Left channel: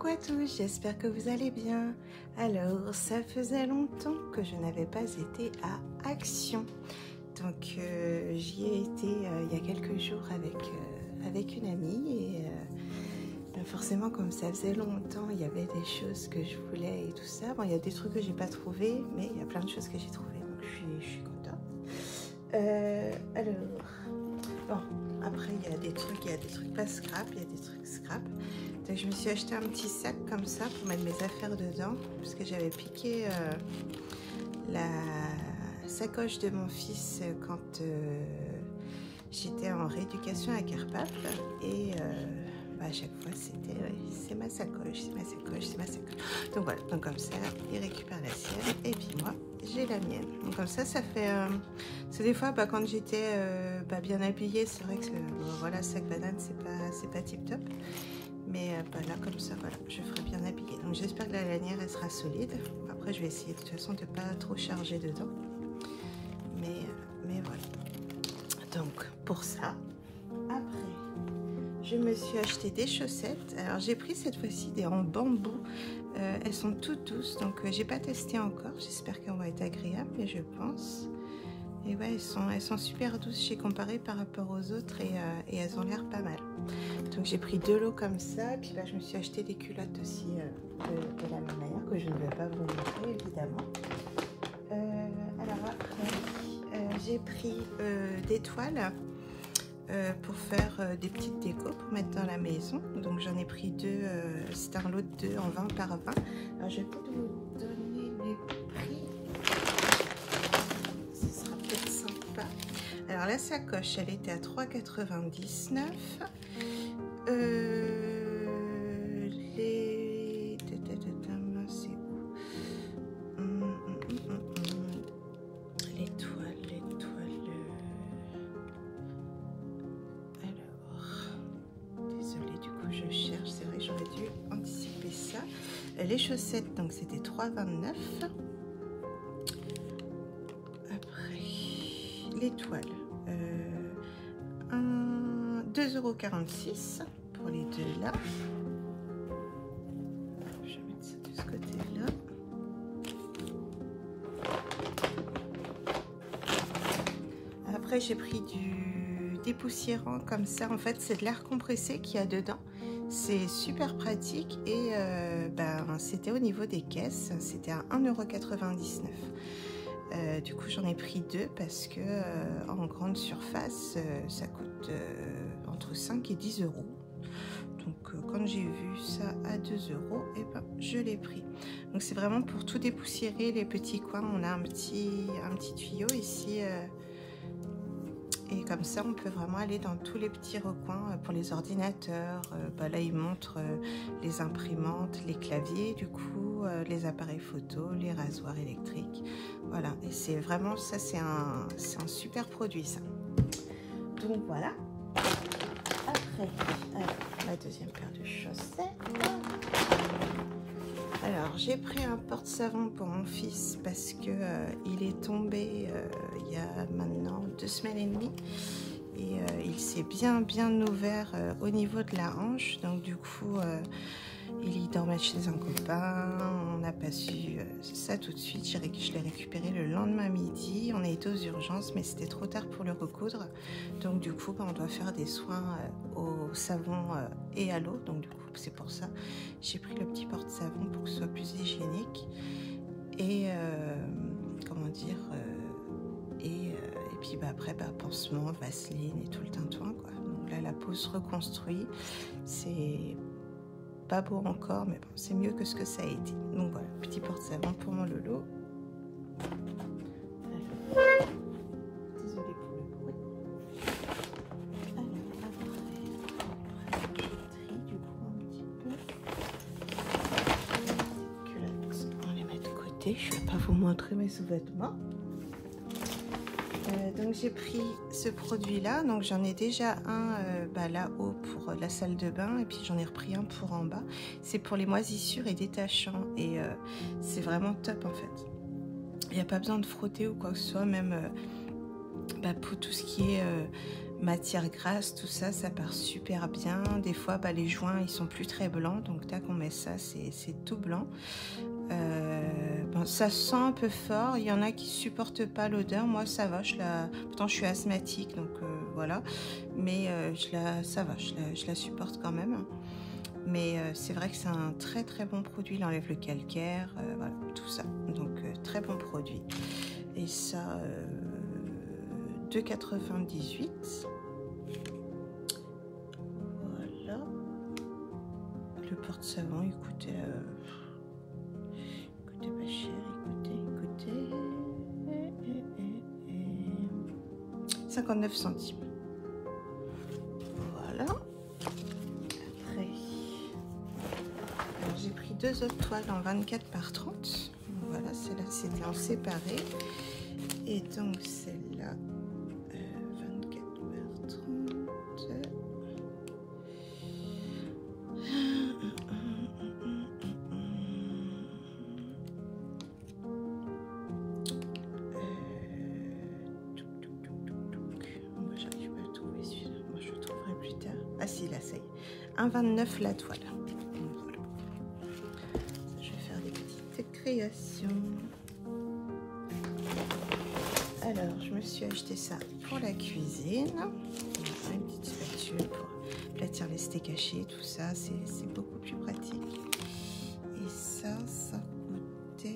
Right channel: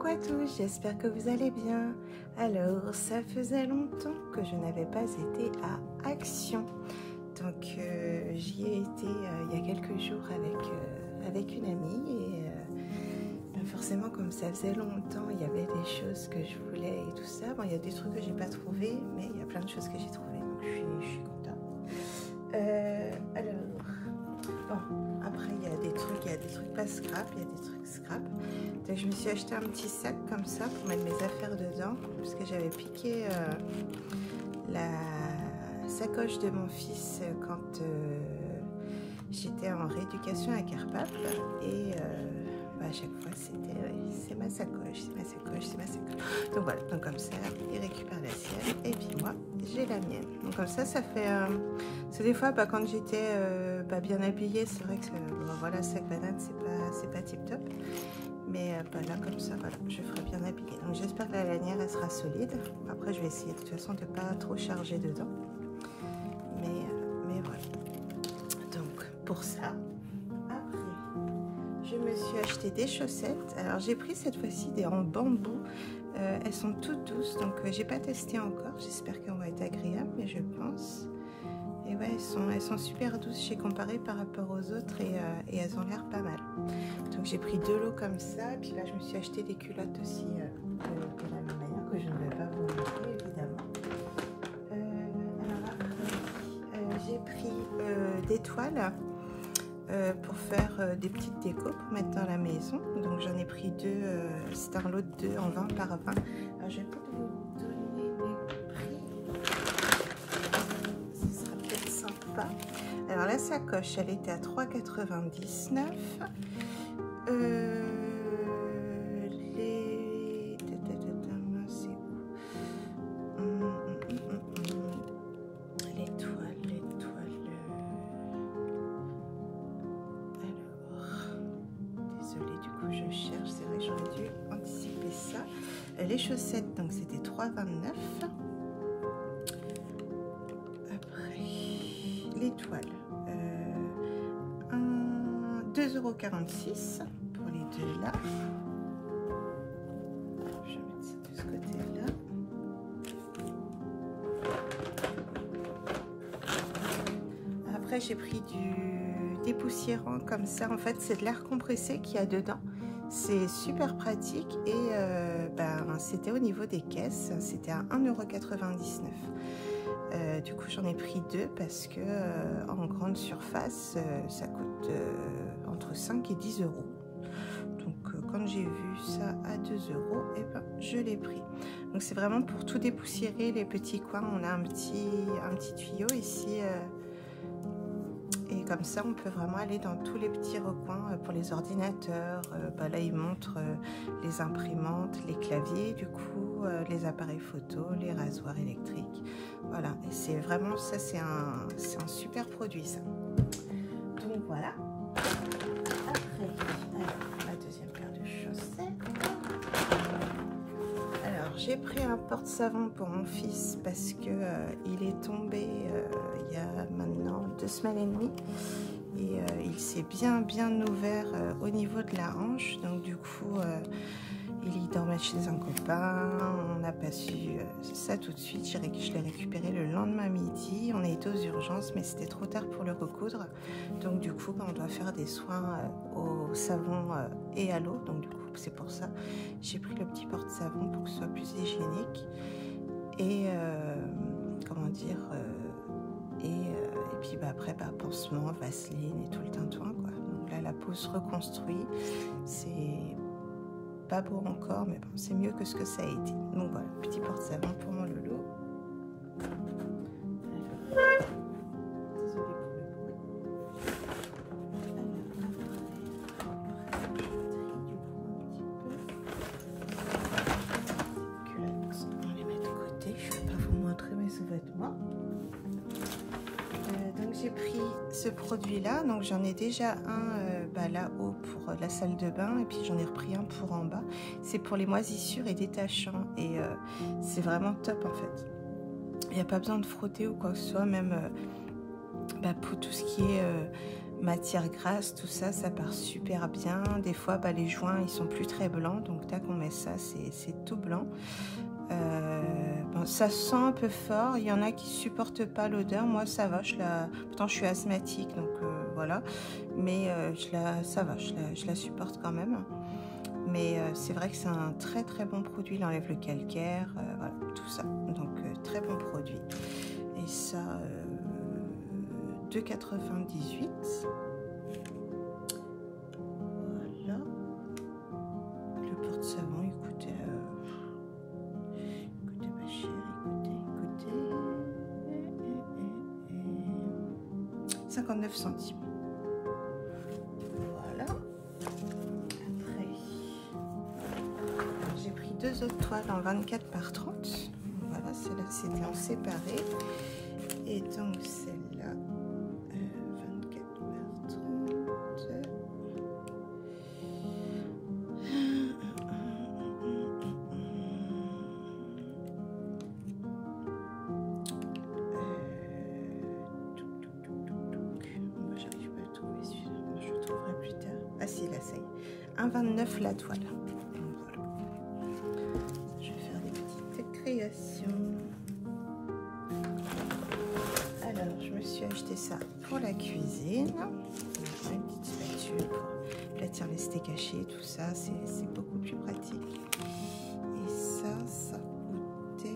Coucou à tous, j'espère que vous allez bien. Alors, ça faisait longtemps que je n'avais pas été à Action. Donc, j'y ai été il y a quelques jours avec une amie. Et forcément, comme ça faisait longtemps, il y avait des choses que je voulais et tout ça. Bon, il y a des trucs que j'ai pas trouvé, mais il y a plein de choses que j'ai trouvées. Donc, je suis contente. Alors, bon, après, il y a des trucs pas scrap, il y a des trucs scrap. Donc, je me suis acheté un petit sac comme ça pour mettre mes affaires dedans, parce que j'avais piqué la sacoche de mon fils quand j'étais en rééducation à Carpap. Et à chaque fois, c'était c'est ma sacoche, c'est ma sacoche, c'est ma sacoche. Donc voilà, donc comme ça, il récupère la sienne et puis moi, j'ai la mienne. Donc comme ça fait... c'est des fois, quand j'étais bien habillée, c'est vrai que voilà, sac banane, c'est pas tip top. Mais là, comme ça, voilà, je ferai bien habillée. Donc j'espère que la lanière, elle sera solide. Après, je vais essayer de toute façon de pas trop charger dedans. Mais voilà. Donc, pour ça, après, je me suis acheté des chaussettes. Alors, j'ai pris cette fois-ci des en bambou. Elles sont toutes douces, donc j'ai pas testé encore. J'espère qu'elles vont être agréables, mais je pense. Et ouais, elles sont super douces. J'ai comparé par rapport aux autres et elles ont l'air pas mal. Donc j'ai pris 2 lots comme ça. Puis là, je me suis acheté des culottes aussi de la même manière, que je ne vais pas vous montrer évidemment. Alors après, j'ai pris des toiles pour faire des petites décos pour mettre dans la maison. Donc j'en ai pris 2. C'est un lot de 2 en 20 par 20. Alors je vais peut-être vous donner les prix. Ce sera peut-être sympa. Alors la sacoche, elle était à 3,99 €. C'est où? Les toiles. Alors, désolée, du coup je cherche. C'est vrai que j'aurais dû anticiper ça. Les chaussettes, donc c'était 3,29 €. Après, les toiles. 2,46 € pour les deux là. Je vais mettre ça de ce côté là. Après j'ai pris du dépoussiérant comme ça. En fait c'est de l'air compressé qu'il y a dedans. C'est super pratique et c'était au niveau des caisses. C'était à 1,99 €. Du coup j'en ai pris 2 parce que en grande surface ça coûte entre 5 et 10 €. Donc quand j'ai vu ça à 2 €, et je l'ai pris. Donc c'est vraiment pour tout dépoussiérer les petits coins. On a un petit tuyau ici et comme ça on peut vraiment aller dans tous les petits recoins pour les ordinateurs. Là il montre les imprimantes, les claviers, du coup les appareils photo, les rasoirs électriques. Voilà, et c'est vraiment ça, c'est un super produit ça. Donc voilà. Après, la deuxième paire de chaussettes. Alors j'ai pris un porte-savon pour mon fils parce que il est tombé il y a maintenant 2 semaines et demie et il s'est bien ouvert au niveau de la hanche. Donc du coup il dormait chez un copain, on n'a pas su ça tout de suite. Je l'ai récupéré le lendemain midi. On a été aux urgences, mais c'était trop tard pour le recoudre. Donc du coup, on doit faire des soins au savon et à l'eau. Donc du coup, c'est pour ça j'ai pris le petit porte-savon pour que ce soit plus hygiénique. Et comment dire et puis après, pansement, vaseline et tout le tintouin, quoi. Donc là, la peau se reconstruit. C'est pas beau encore, mais bon, c'est mieux que ce que ça a été. Donc voilà, petit porte-savon pour mon Lolo. Désolée pour le bruit. Alors, après, je trie du coup un petit peu. Culottes, on les met de côté. Je vais pas vous montrer mes sous-vêtements. Donc j'ai pris ce produit là, donc j'en ai déjà un là-haut pour la salle de bain et puis j'en ai repris un pour en bas. C'est pour les moisissures et détachants et c'est vraiment top en fait. Il n'y a pas besoin de frotter ou quoi que ce soit, même pour tout ce qui est matière grasse, tout ça, ça part super bien. Des fois, bah, les joints, ils sont plus très blancs, donc tac, on met ça, c'est tout blanc. Bon, ça sent un peu fort. Il y en a qui supportent pas l'odeur. Moi, ça va. Pourtant, je suis asthmatique, donc voilà. Mais ça va. Je la supporte quand même. Mais c'est vrai que c'est un très très bon produit. Il enlève le calcaire, voilà, tout ça. Donc très bon produit. Et ça, 2,98. Voilà. Le porte-savon, écoutez, pas cher. Écoutez. 59 centimes. Voilà. Après, j'ai pris 2 autres toiles en 24 par 30. Voilà, celle-là c'était en séparé. Et donc celle-là, 24 par 30. J'arrive pas à trouver celui-là. Moi, je le trouverai plus tard. Ah si, là, ça y est. 1,29 la toile. Voilà. Je vais faire des petites créations. Alors, je me suis acheté ça pour la cuisine. Une petite spatule pour aplatir les steaks hachés, tout ça, c'est beaucoup plus pratique. Et ça coûtait...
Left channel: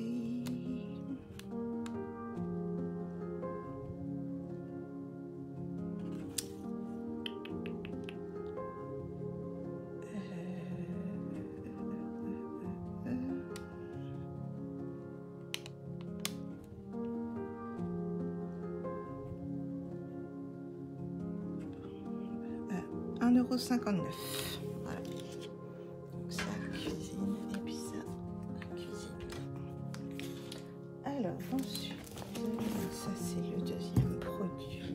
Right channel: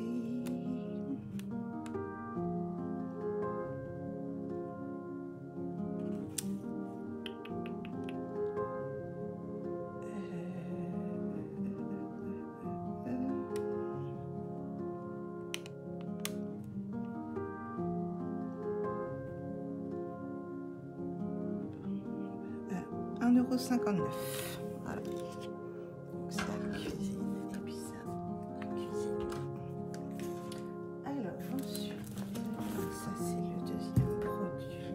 €1,59. Voilà. Donc ça, la cuisine. Et puis ça, la cuisine. Alors, ensuite, ça c'est le deuxième produit.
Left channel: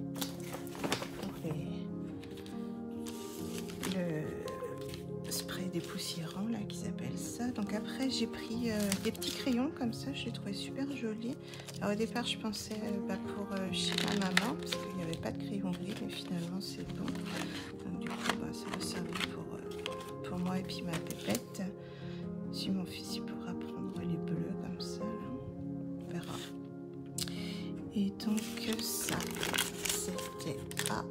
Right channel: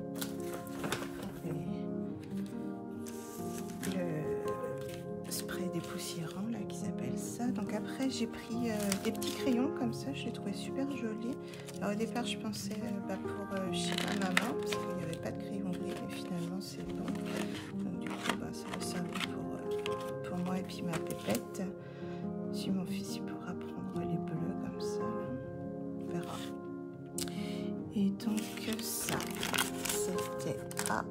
Le spray dépoussiérant, là, qui s'appelle ça. Donc après, j'ai pris des petits crayons comme ça. Je les trouvais super jolis. Alors au départ, je pensais pour chez ma maman, parce qu'il n'y avait pas de crayon gris, mais finalement, c'est bon. Donc du coup, ça va servir pour moi et puis ma pépette. Si mon fils il pourra prendre les bleus comme ça, là. On verra. Et donc ça, c'était à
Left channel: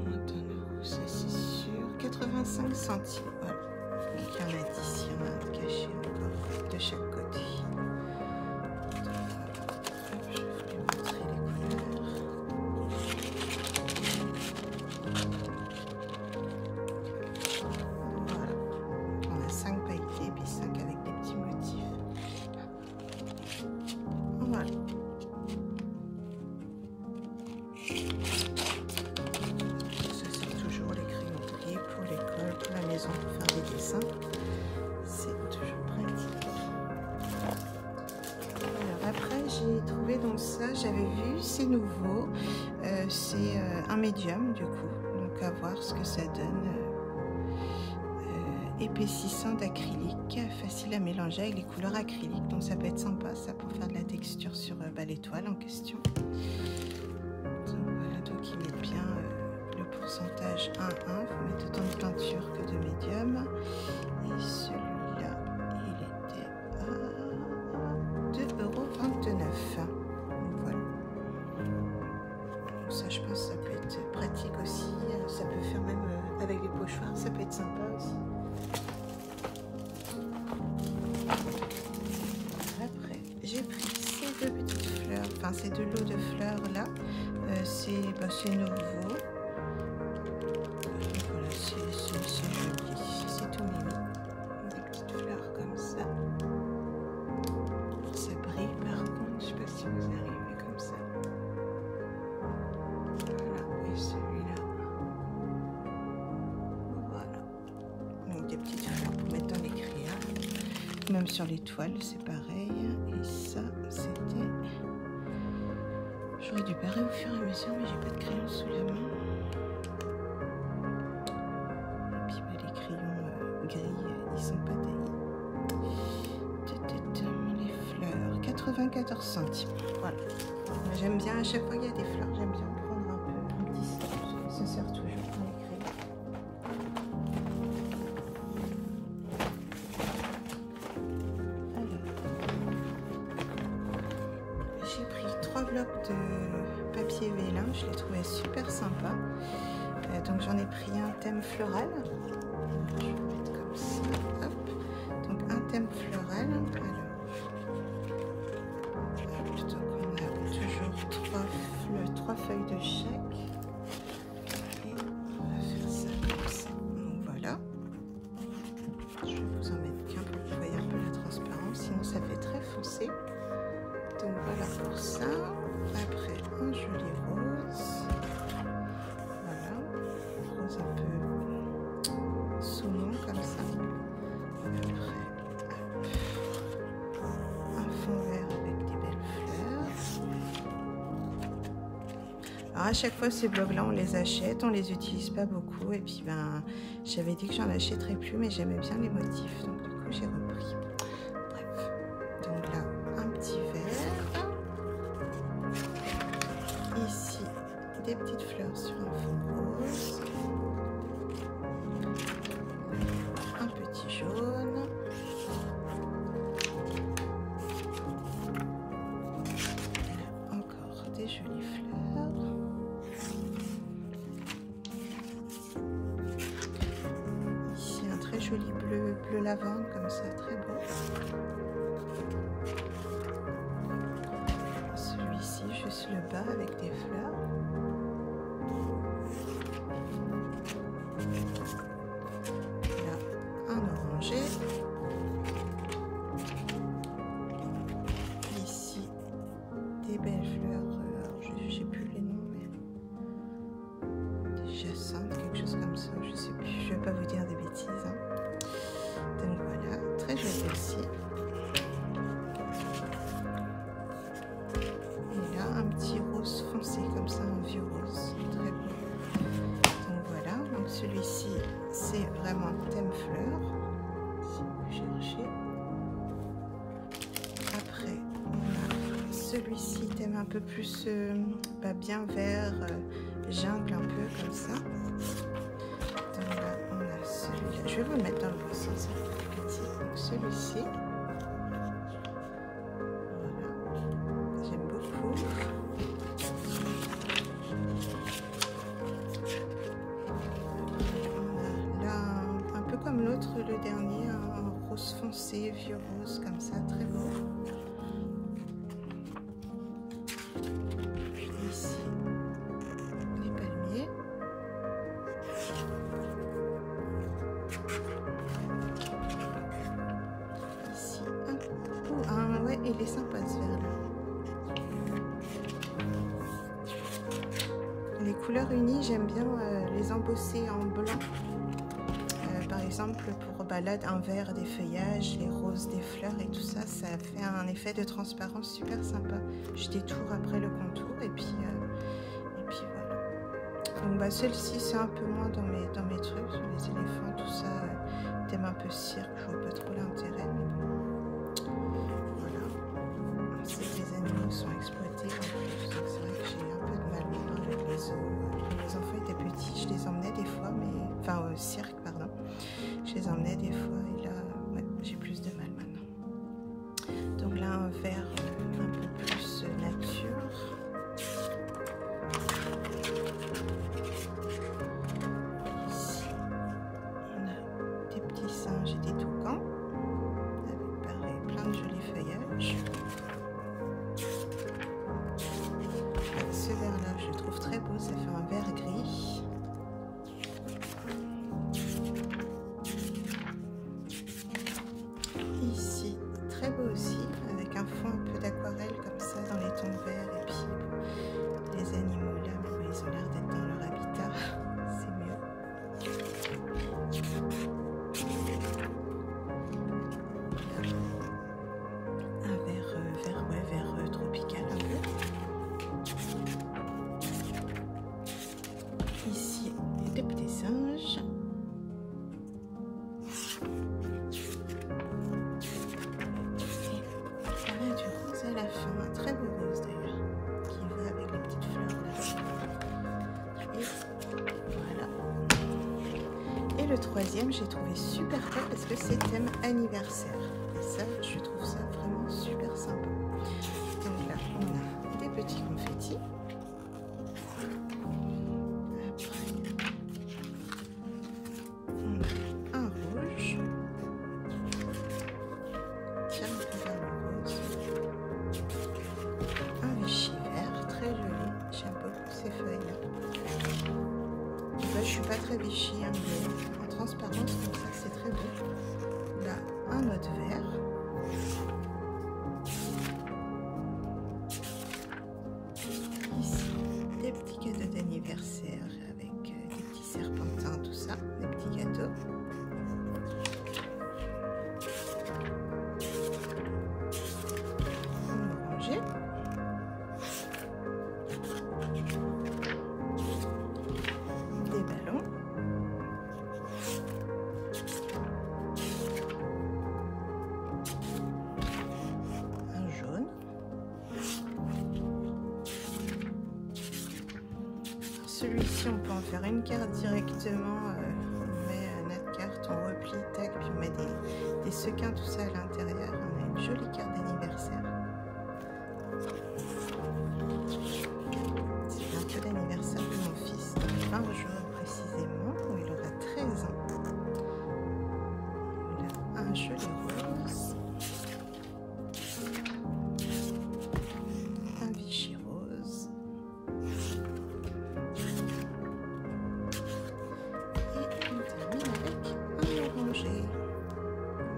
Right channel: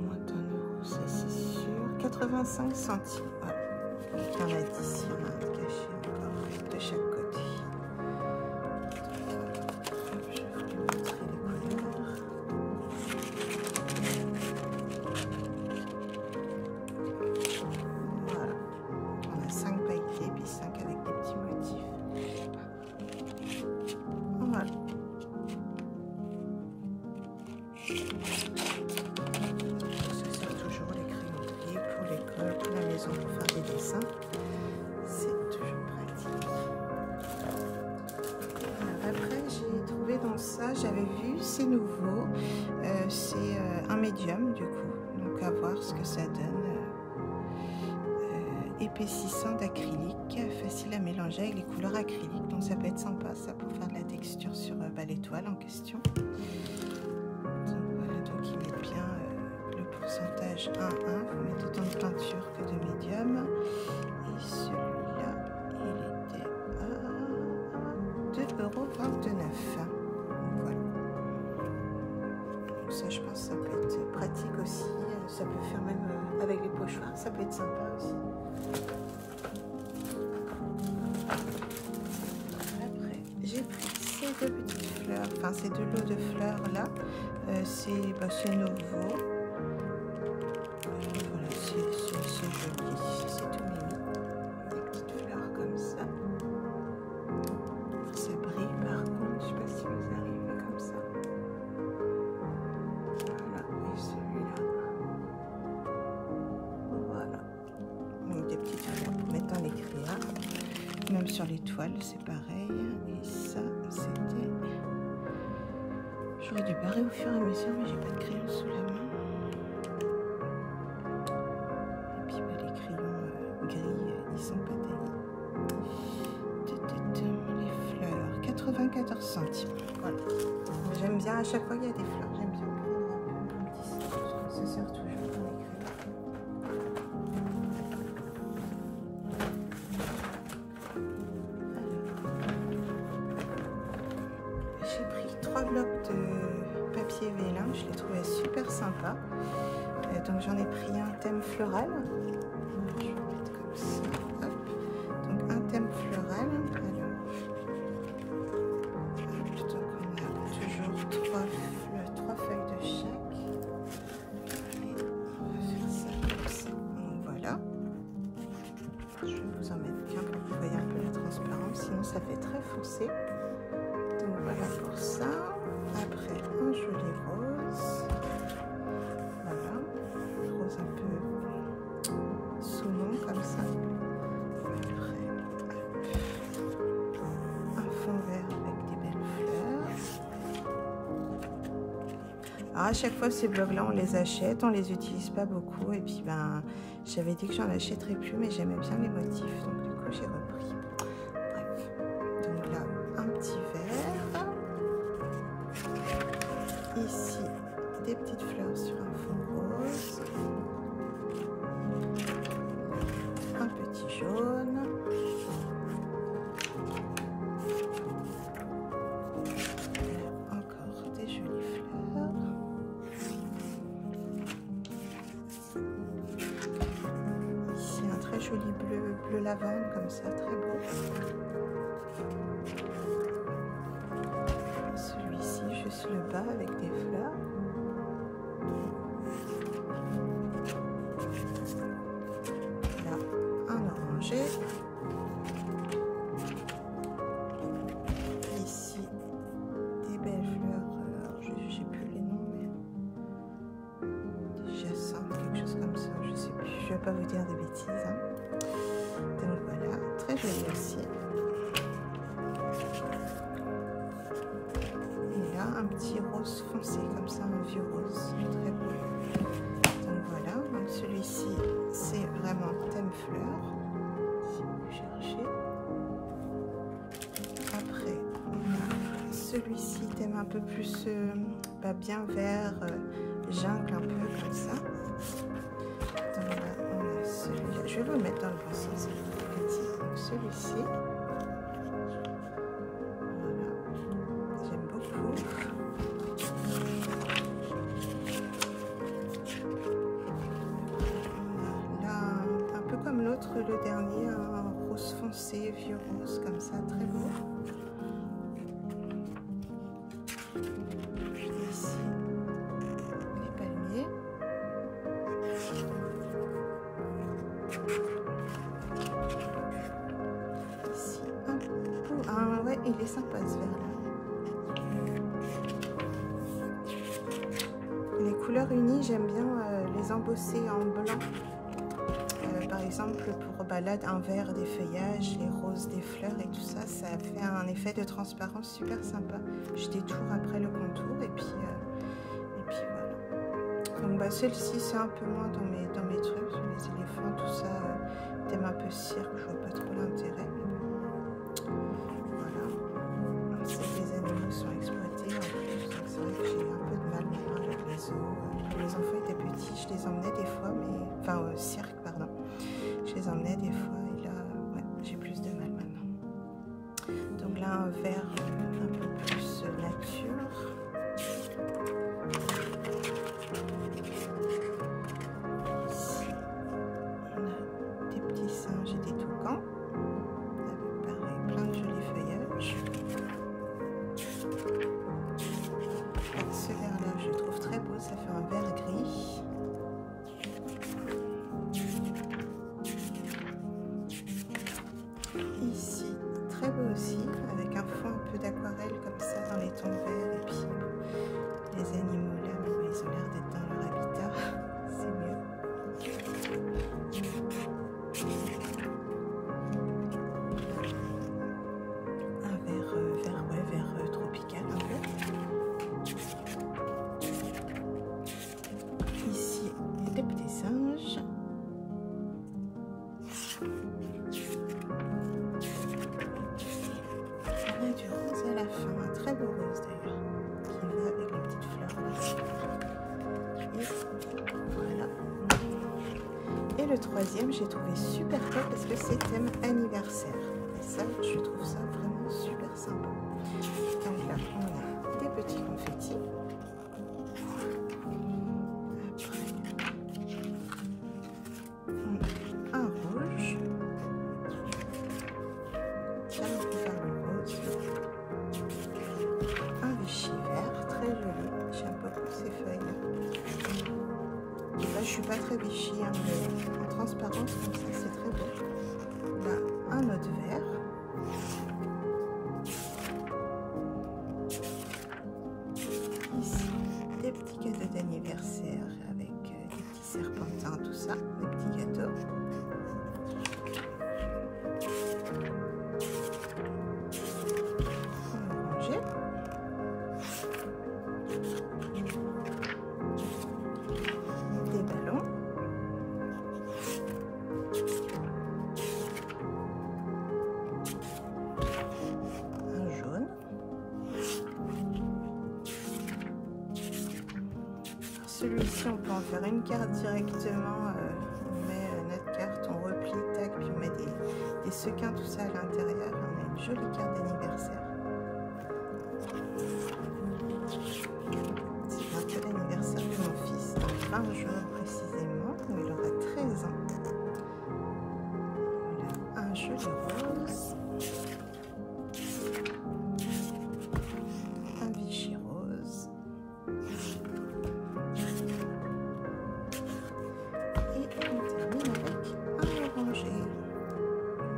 moins d'1 €, ça c'est sûr. 85 centimes. Voilà. Donc il y en a 10, il y en a un caché encore de chaque côté. Hop, je vais vous montrer les couleurs. Voilà. On a 5 pailletés puis 5 avec des petits motifs. Voilà. Ça sert toujours les crayons gris pour l'école, pour la maison, pour faire des dessins. C'est toujours pratique. Alors après, j'ai trouvé donc ça, j'avais vu, c'est nouveau. C'est un médium du coup, donc à voir ce que ça donne. Épaississant d'acrylique, facile à mélanger avec les couleurs acryliques, donc ça peut être sympa ça pour faire de la texture sur les toiles en question. Donc voilà, donc ils mettent bien le pourcentage 1-1, il faut mettre autant de peinture que de médium. Et celui-là, il était à 2,29 €. Voilà. Donc ça, je pense que ça peut être pratique aussi, ça peut faire même avec les pochoirs, ça peut être sympa aussi. Après, j'ai pris ces 2 petites fleurs, enfin ces 2 lots de fleurs là. C'est nouveau. Voilà, c'est joli, c'est tout mimi. Des petites fleurs comme ça. Ça brille par contre, je sais pas si vous arrivez comme ça. Voilà, et celui-là. Voilà. Donc des petites fleurs pour mettre dans les créas. Même sur les toiles, c'est pareil. Et ça, c'était... J'aurais dû barrer au fur et à mesure, mais j'ai pas de crayon sous la main. Et puis les crayons gris, ils sont pas taillés. Les fleurs, 94 centimes. Voilà. J'aime bien, à chaque fois qu'il y a des fleurs, j'aime bien prendre un petit sac. Ça sert toujours dans les crayons. J'ai pris 3 blocs de papier vélin, je les trouvais super sympa. Donc j'en ai pris un thème floral. Je vais mettre comme ça. Hop. Donc un thème floral. Alors, hop, donc on a toujours 3 feuilles de chaque. Et on va faire ça comme ça. Donc voilà. Je vais vous en mettre qu'un pour que vous voyez un peu la transparence, sinon ça fait très foncé. Donc voilà pour ça. Après un joli rose. Voilà. Rose un peu saumon comme ça. Après, hop, un fond vert avec des belles fleurs. Alors à chaque fois ces blocs là on les achète, on les utilise pas beaucoup et puis ben j'avais dit que j'en achèterais plus mais j'aimais bien les motifs donc du coup j'ai repris. Bref, donc là un petit vert. Ici des petites fleurs sur un fond rose. Un petit jaune. Là, encore des jolies fleurs. Ici un très joli bleu lavande comme ça, très beau. Celui-ci juste le bas avec des fleurs. Là un orangé. Ici des belles fleurs, alors j'ai plus les noms mais des jacinthes, quelque chose comme ça, je sais plus, je vais pas vous dire des bêtises hein. Donc voilà, très joli aussi. Et là un petit rose foncé comme ça, un vieux rose, très beau. Donc voilà, donc celui-ci c'est vraiment thème fleur, si vous cherchez. Après on a celui-ci thème un peu plus bien vert, jungle un peu comme ça. Donc là on a celui-là, je vais vous le mettre dans le bon sens, petit. Donc celui-ci, voilà, j'aime beaucoup. Comme l'autre, le dernier, un rose foncé, vieux rose comme ça, très beau. Ici, les palmiers. Ici, ouais, il est sympa ce vert-là. Les couleurs unies, j'aime bien les embosser en blanc. Par exemple pour balade un vert des feuillages, les roses des fleurs et tout ça, ça fait un effet de transparence super sympa. Je détourne après le contour et puis voilà. Donc bah, celle-ci c'est un peu moins dans mes trucs, les éléphants, tout ça, thème un peu cirque, je vois pas trop l'intérêt, mais bon. Voilà. C'est que les animaux sont exploités en plus, donc c'est vrai que j'ai un peu de mal maintenant avec les zoos. Quand les enfants étaient petits, je les emmenais des fois, mais enfin au cirque, pardon. Je les emmenais des fois et là, ouais, j'ai plus de mal maintenant. Donc là, un vert un peu plus nature. Ici, on a des petits singes et des toucans. Avec pareil, plein de jolis feuillages. Ce vert-là, je le trouve très beau, ça fait un vert gris. Ici, très beau aussi, avec un fond un peu d'aquarelle comme ça dans les tons verts. Et puis bon, les animaux là, mais bon, ils ont l'air d'être dans leur habitat, c'est mieux. Un vert tropical un peu. Ici, des petits singes. Et le troisième, j'ai trouvé super top parce que c'est thème anniversaire. Et ça, je trouve ça vraiment super sympa. Donc là, on a des petits confettis. Après, on a un rouge. J'aime bien le rose. Un Vichy vert, très joli. J'aime beaucoup ces feuilles-là. Là, je suis pas très Vichy, hein, mais en transparence comme ça, c'est très beau. Là, un autre vert. Ici, des petits cadeaux d'anniversaire avec des petits serpentins, tout ça, des petits gâteaux. En orangé. Des ballons. Un jaune. Celui-ci, on peut en faire une carte directement. On met notre carte, on replie, tac, puis on met des sequins, tout ça à l'intérieur. On a une jolie carte d'anniversaire. C'est bientôt l'anniversaire de mon fils, dans 20 jours précisément, où il aura 13 ans. Voilà, un joli rose. Un Vichy rose. Et on termine avec un orangé.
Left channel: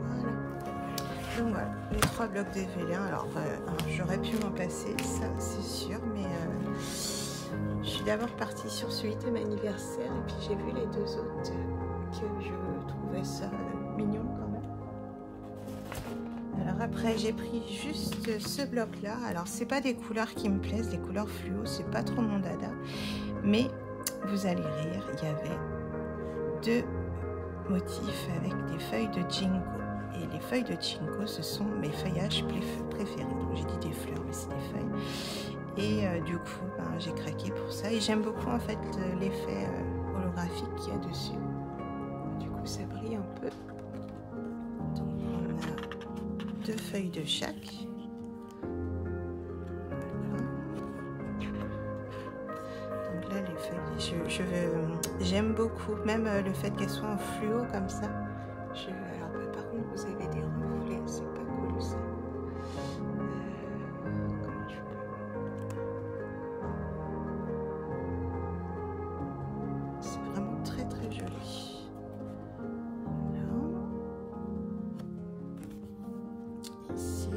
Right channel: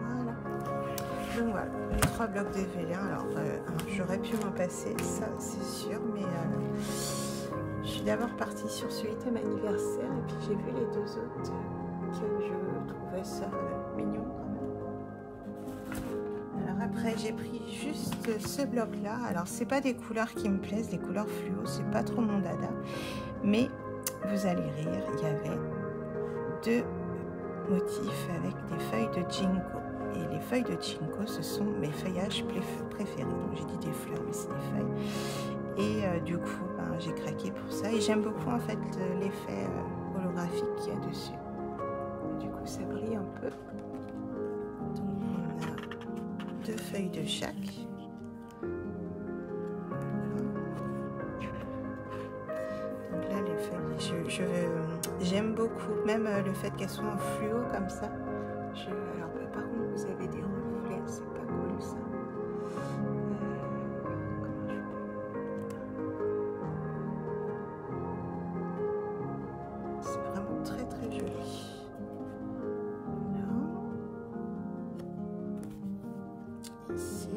Voilà. Donc voilà, les 3 blocs de Vélin. Alors, j'aurais pu m'en passer, ça c'est sûr, mais je suis d'abord partie sur celui thème anniversaire et puis j'ai vu les 2 autres que je trouvais ça mignon quand même. Alors après, j'ai pris juste ce bloc-là. Alors, c'est pas des couleurs qui me plaisent, les couleurs fluo, c'est pas trop mon dada, mais vous allez rire, il y avait 2 motifs avec des feuilles de ginkgo. Et les feuilles de ginkgo, ce sont mes feuillages préférés. Donc j'ai dit des fleurs, mais c'est des feuilles. Et du coup, ben, j'ai craqué pour ça. Et j'aime beaucoup en fait l'effet holographique qu'il y a dessus. Du coup, ça brille un peu. Donc on a 2 feuilles de chaque. Donc là, les feuilles, j'aime beaucoup, même le fait qu'elles soient en fluo comme ça. Alors, par contre, vous avez des reflets, c'est pas cool ça. Comment je peux... C'est vraiment très très joli. Là. Ici.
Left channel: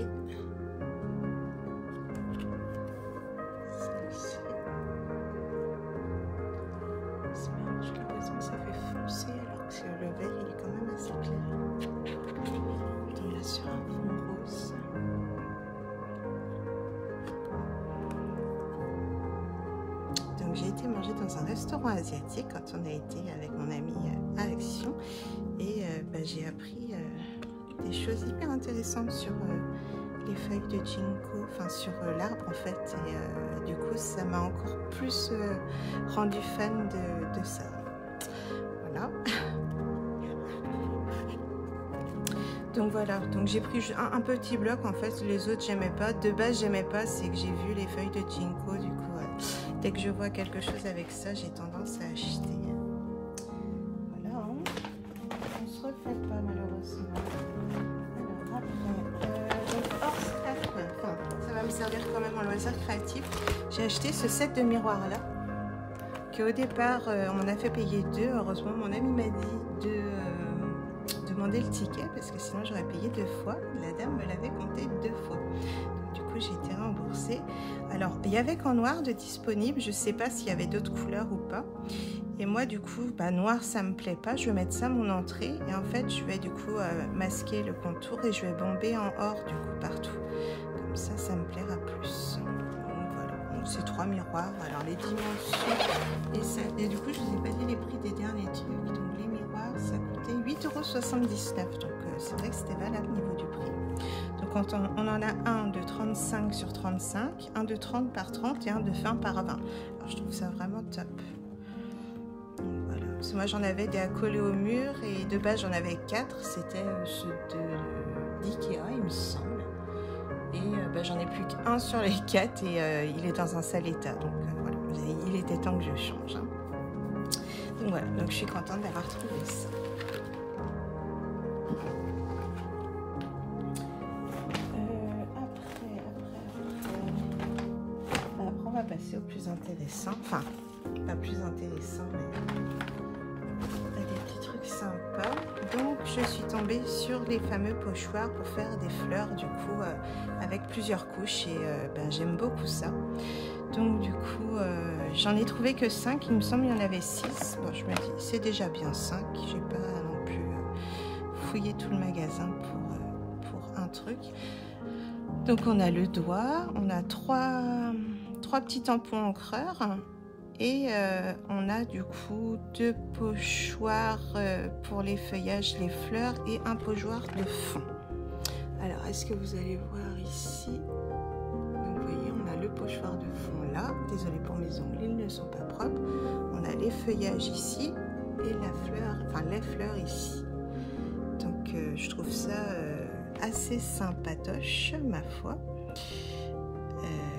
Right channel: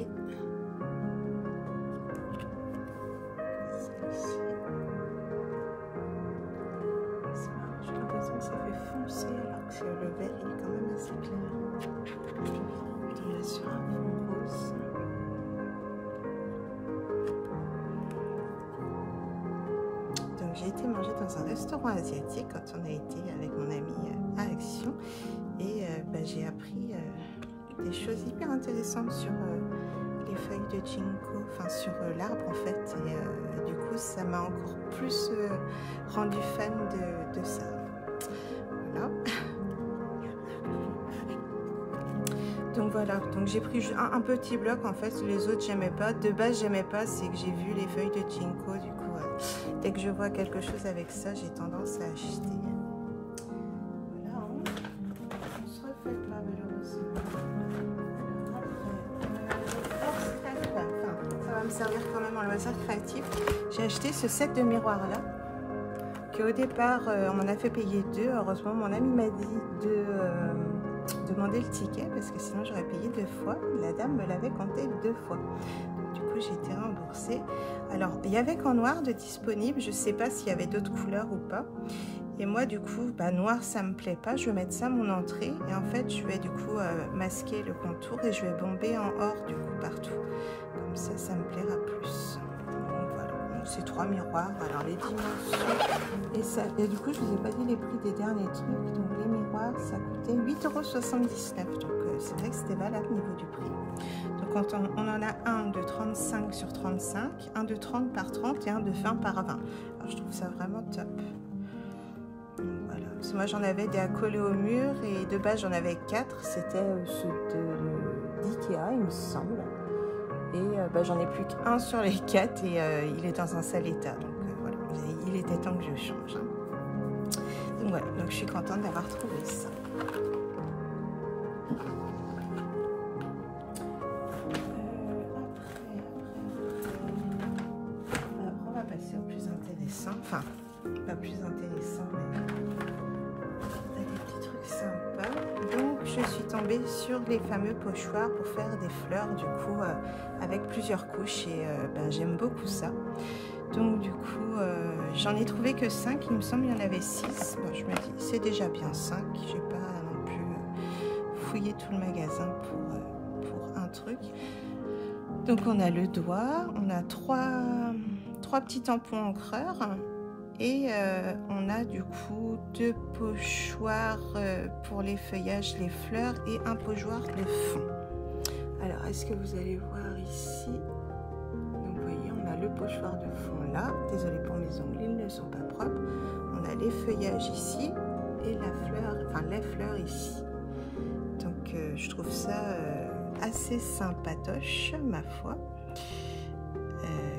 Celle-ci. C'est marrant, j'ai l'impression que ça fait foncer alors que le vert il est quand même assez clair. On est sur un fond rose. Donc j'ai été manger dans un restaurant asiatique quand on a été avec mon ami à Action et j'ai appris des choses hyper intéressantes sur les feuilles de ginkgo, enfin sur l'arbre en fait, et du coup ça m'a encore plus rendu fan de ça. Voilà. Donc voilà, donc j'ai pris un petit bloc en fait, les autres j'aimais pas. De base j'aimais pas, c'est que j'ai vu les feuilles de ginkgo, du coup dès que je vois quelque chose avec ça, j'ai tendance à acheter. Voilà, on se refait pas malheureusement. Alors après, ça va me servir quand même en loisir créatif. J'ai acheté ce set de miroirs là, qu'au départ on m'en a fait payer 2. Heureusement mon ami m'a dit de demander le ticket parce que sinon j'aurais payé 2 fois. La dame me l'avait compté 2 fois. Donc, du coup j'ai été remboursée. Alors il y avait qu'en noir de disponible, je sais pas s'il y avait d'autres couleurs ou pas. Et moi du coup noir ça me plaît pas, je vais mettre ça à mon entrée et en fait je vais du coup masquer le contour et je vais bomber en or du coup partout. Comme ça, ça me plaira plus. Donc voilà, c'est 3 miroirs. Alors les dimensions et du coup je vous ai pas dit les prix des derniers trucs. Donc les miroirs ça coûtait 8,79 €. Donc c'est vrai que c'était valable au niveau du prix. Donc quand on en a un de 35 sur 35, un de 30 par 30 et un de 20 par 20. Alors je trouve ça vraiment top. Donc voilà, moi j'en avais des à coller au mur et de base j'en avais 4. C'était ceux d'Ikea, il me semble. Et j'en ai plus qu'un sur les 4 et il est dans un sale état. Donc voilà, il était temps que je change. Hein. Donc voilà, donc je suis contente d'avoir trouvé ça. Après, on va passer au plus intéressant. Enfin, pas plus intéressant, mais des petits trucs sympas. Donc je suis tombée sur les fameux pochoirs pour faire des fleurs, du coup, avec plusieurs couches. Et j'aime beaucoup ça. Donc du coup, j'en ai trouvé que 5, il me semble qu'il y en avait 6. Bon, je me dis, c'est déjà bien 5. J'ai pas non plus fouillé tout le magasin pour un truc. Donc on a le doigt, on a trois petits tampons encreurs et on a du coup 2 pochoirs pour les feuillages, les fleurs et un pochoir de fond. Alors, est-ce que vous allez voir ici? Donc, vous voyez, on a le pochoir de fond là. Désolée pour mes ongles, ils ne sont pas propres. On a les feuillages ici et la fleur, enfin les fleurs ici. Donc, je trouve ça assez sympatoche, ma foi.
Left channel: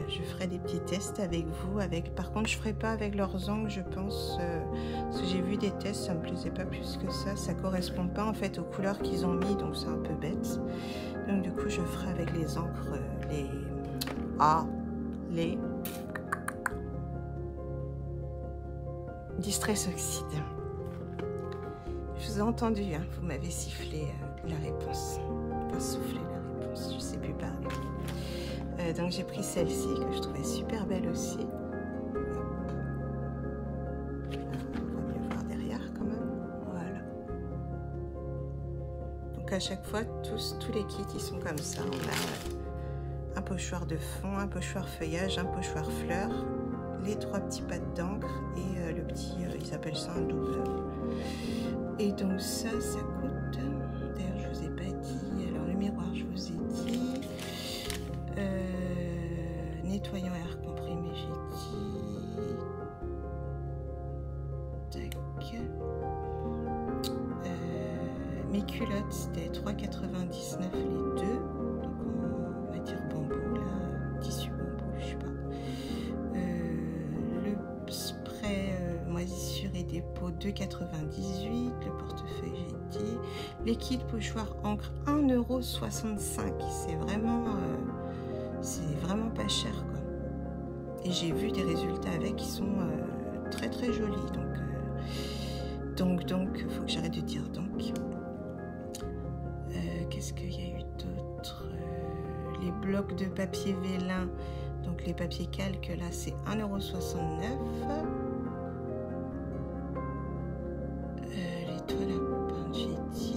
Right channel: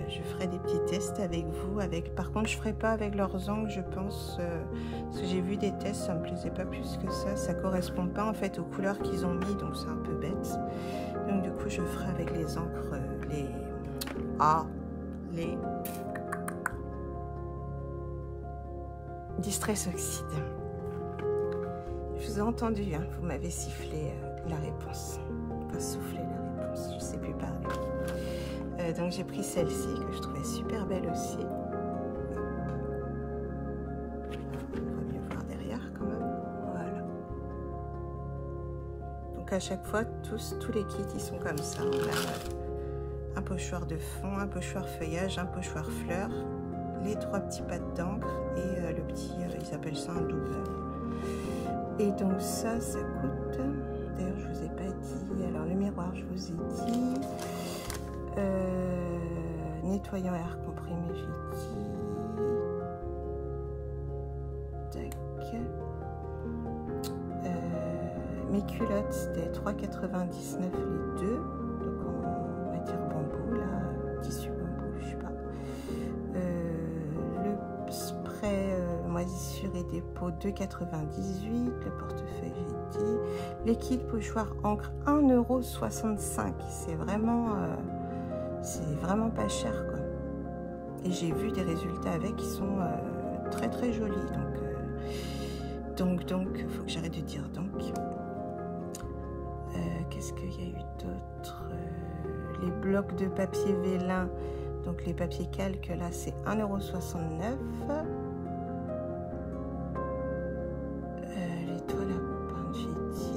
Je ferai des petits tests avec vous. Par contre, je ferai pas avec leurs ongles, je pense. Parce que j'ai vu des tests, ça me plaisait pas plus que ça. Ça correspond pas en fait aux couleurs qu'ils ont mis, donc c'est un peu bête. Donc du coup, je ferai avec les encres, les Distress Oxide. Je vous ai entendu, hein, vous m'avez sifflé la réponse. Enfin, soufflé la réponse, je sais plus parler. Donc j'ai pris celle-ci que je trouvais super belle aussi. On va mieux voir derrière quand même. Voilà. Donc à chaque fois, tous les kits ils sont comme ça. On a un pochoir de fond, un pochoir feuillage, un pochoir fleurs, les 3 petits pattes d'encre et le petit, ils appellent ça un doubleur. Et donc ça coûte. D'ailleurs je vous ai pas dit. Alors le miroir je vous ai dit. Nettoyant air comprimé, j'ai dit. Tac. Mes culottes, c'était 3,99 les 2. Donc on va dire bambou, là, tissu bambou, je sais pas. Le spray moisissure et dépôt, 2,98. Le portefeuille, j'ai dit. Les kits pochoir encre, 1,65 €. C'est vraiment pas cher, quoi. Et j'ai vu des résultats avec qui sont très très jolis. Donc, faut que j'arrête de dire donc. Qu'est-ce qu'il y a eu d'autre? Les blocs de papier vélin, donc les papiers calques, là c'est 1,69 €. Les toiles à peindre, j'ai dit.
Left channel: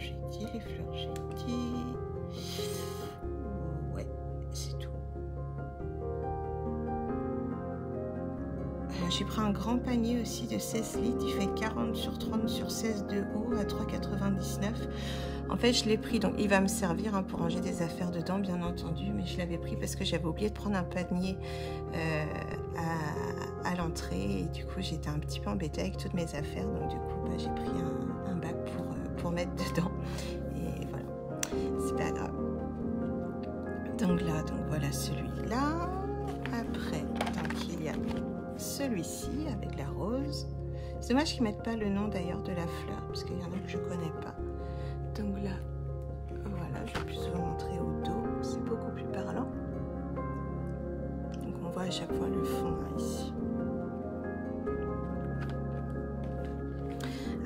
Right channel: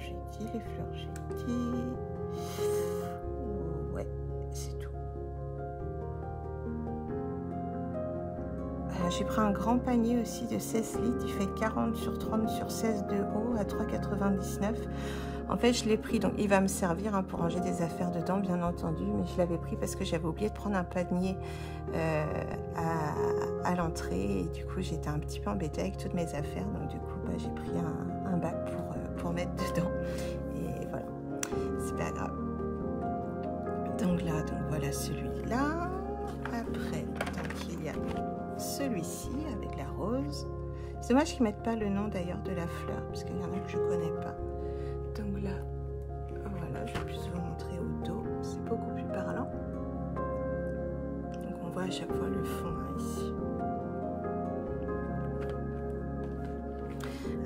J'ai dit, les fleurs, j'ai dit. Ouais, c'est tout. J'ai pris un grand panier aussi de 16 litres. Il fait 40 sur 30 sur 16 de haut à 3,99 €. En fait, je l'ai pris, donc il va me servir pour ranger des affaires dedans, bien entendu. Mais je l'avais pris parce que j'avais oublié de prendre un panier à l'entrée. Et du coup, j'étais un petit peu embêtée avec toutes mes affaires. Donc du coup, j'ai pris un bac pour mettre dedans. Et voilà, c'est pas grave. Donc là, voilà celui-là. Après, donc il y a celui-ci avec la rose. C'est dommage qu'ils mettent pas le nom d'ailleurs de la fleur, parce qu'il y en a que je connais pas. Donc là, voilà, je vais plus vous montrer au dos. C'est beaucoup plus parlant. Donc on voit à chaque fois le fond ici.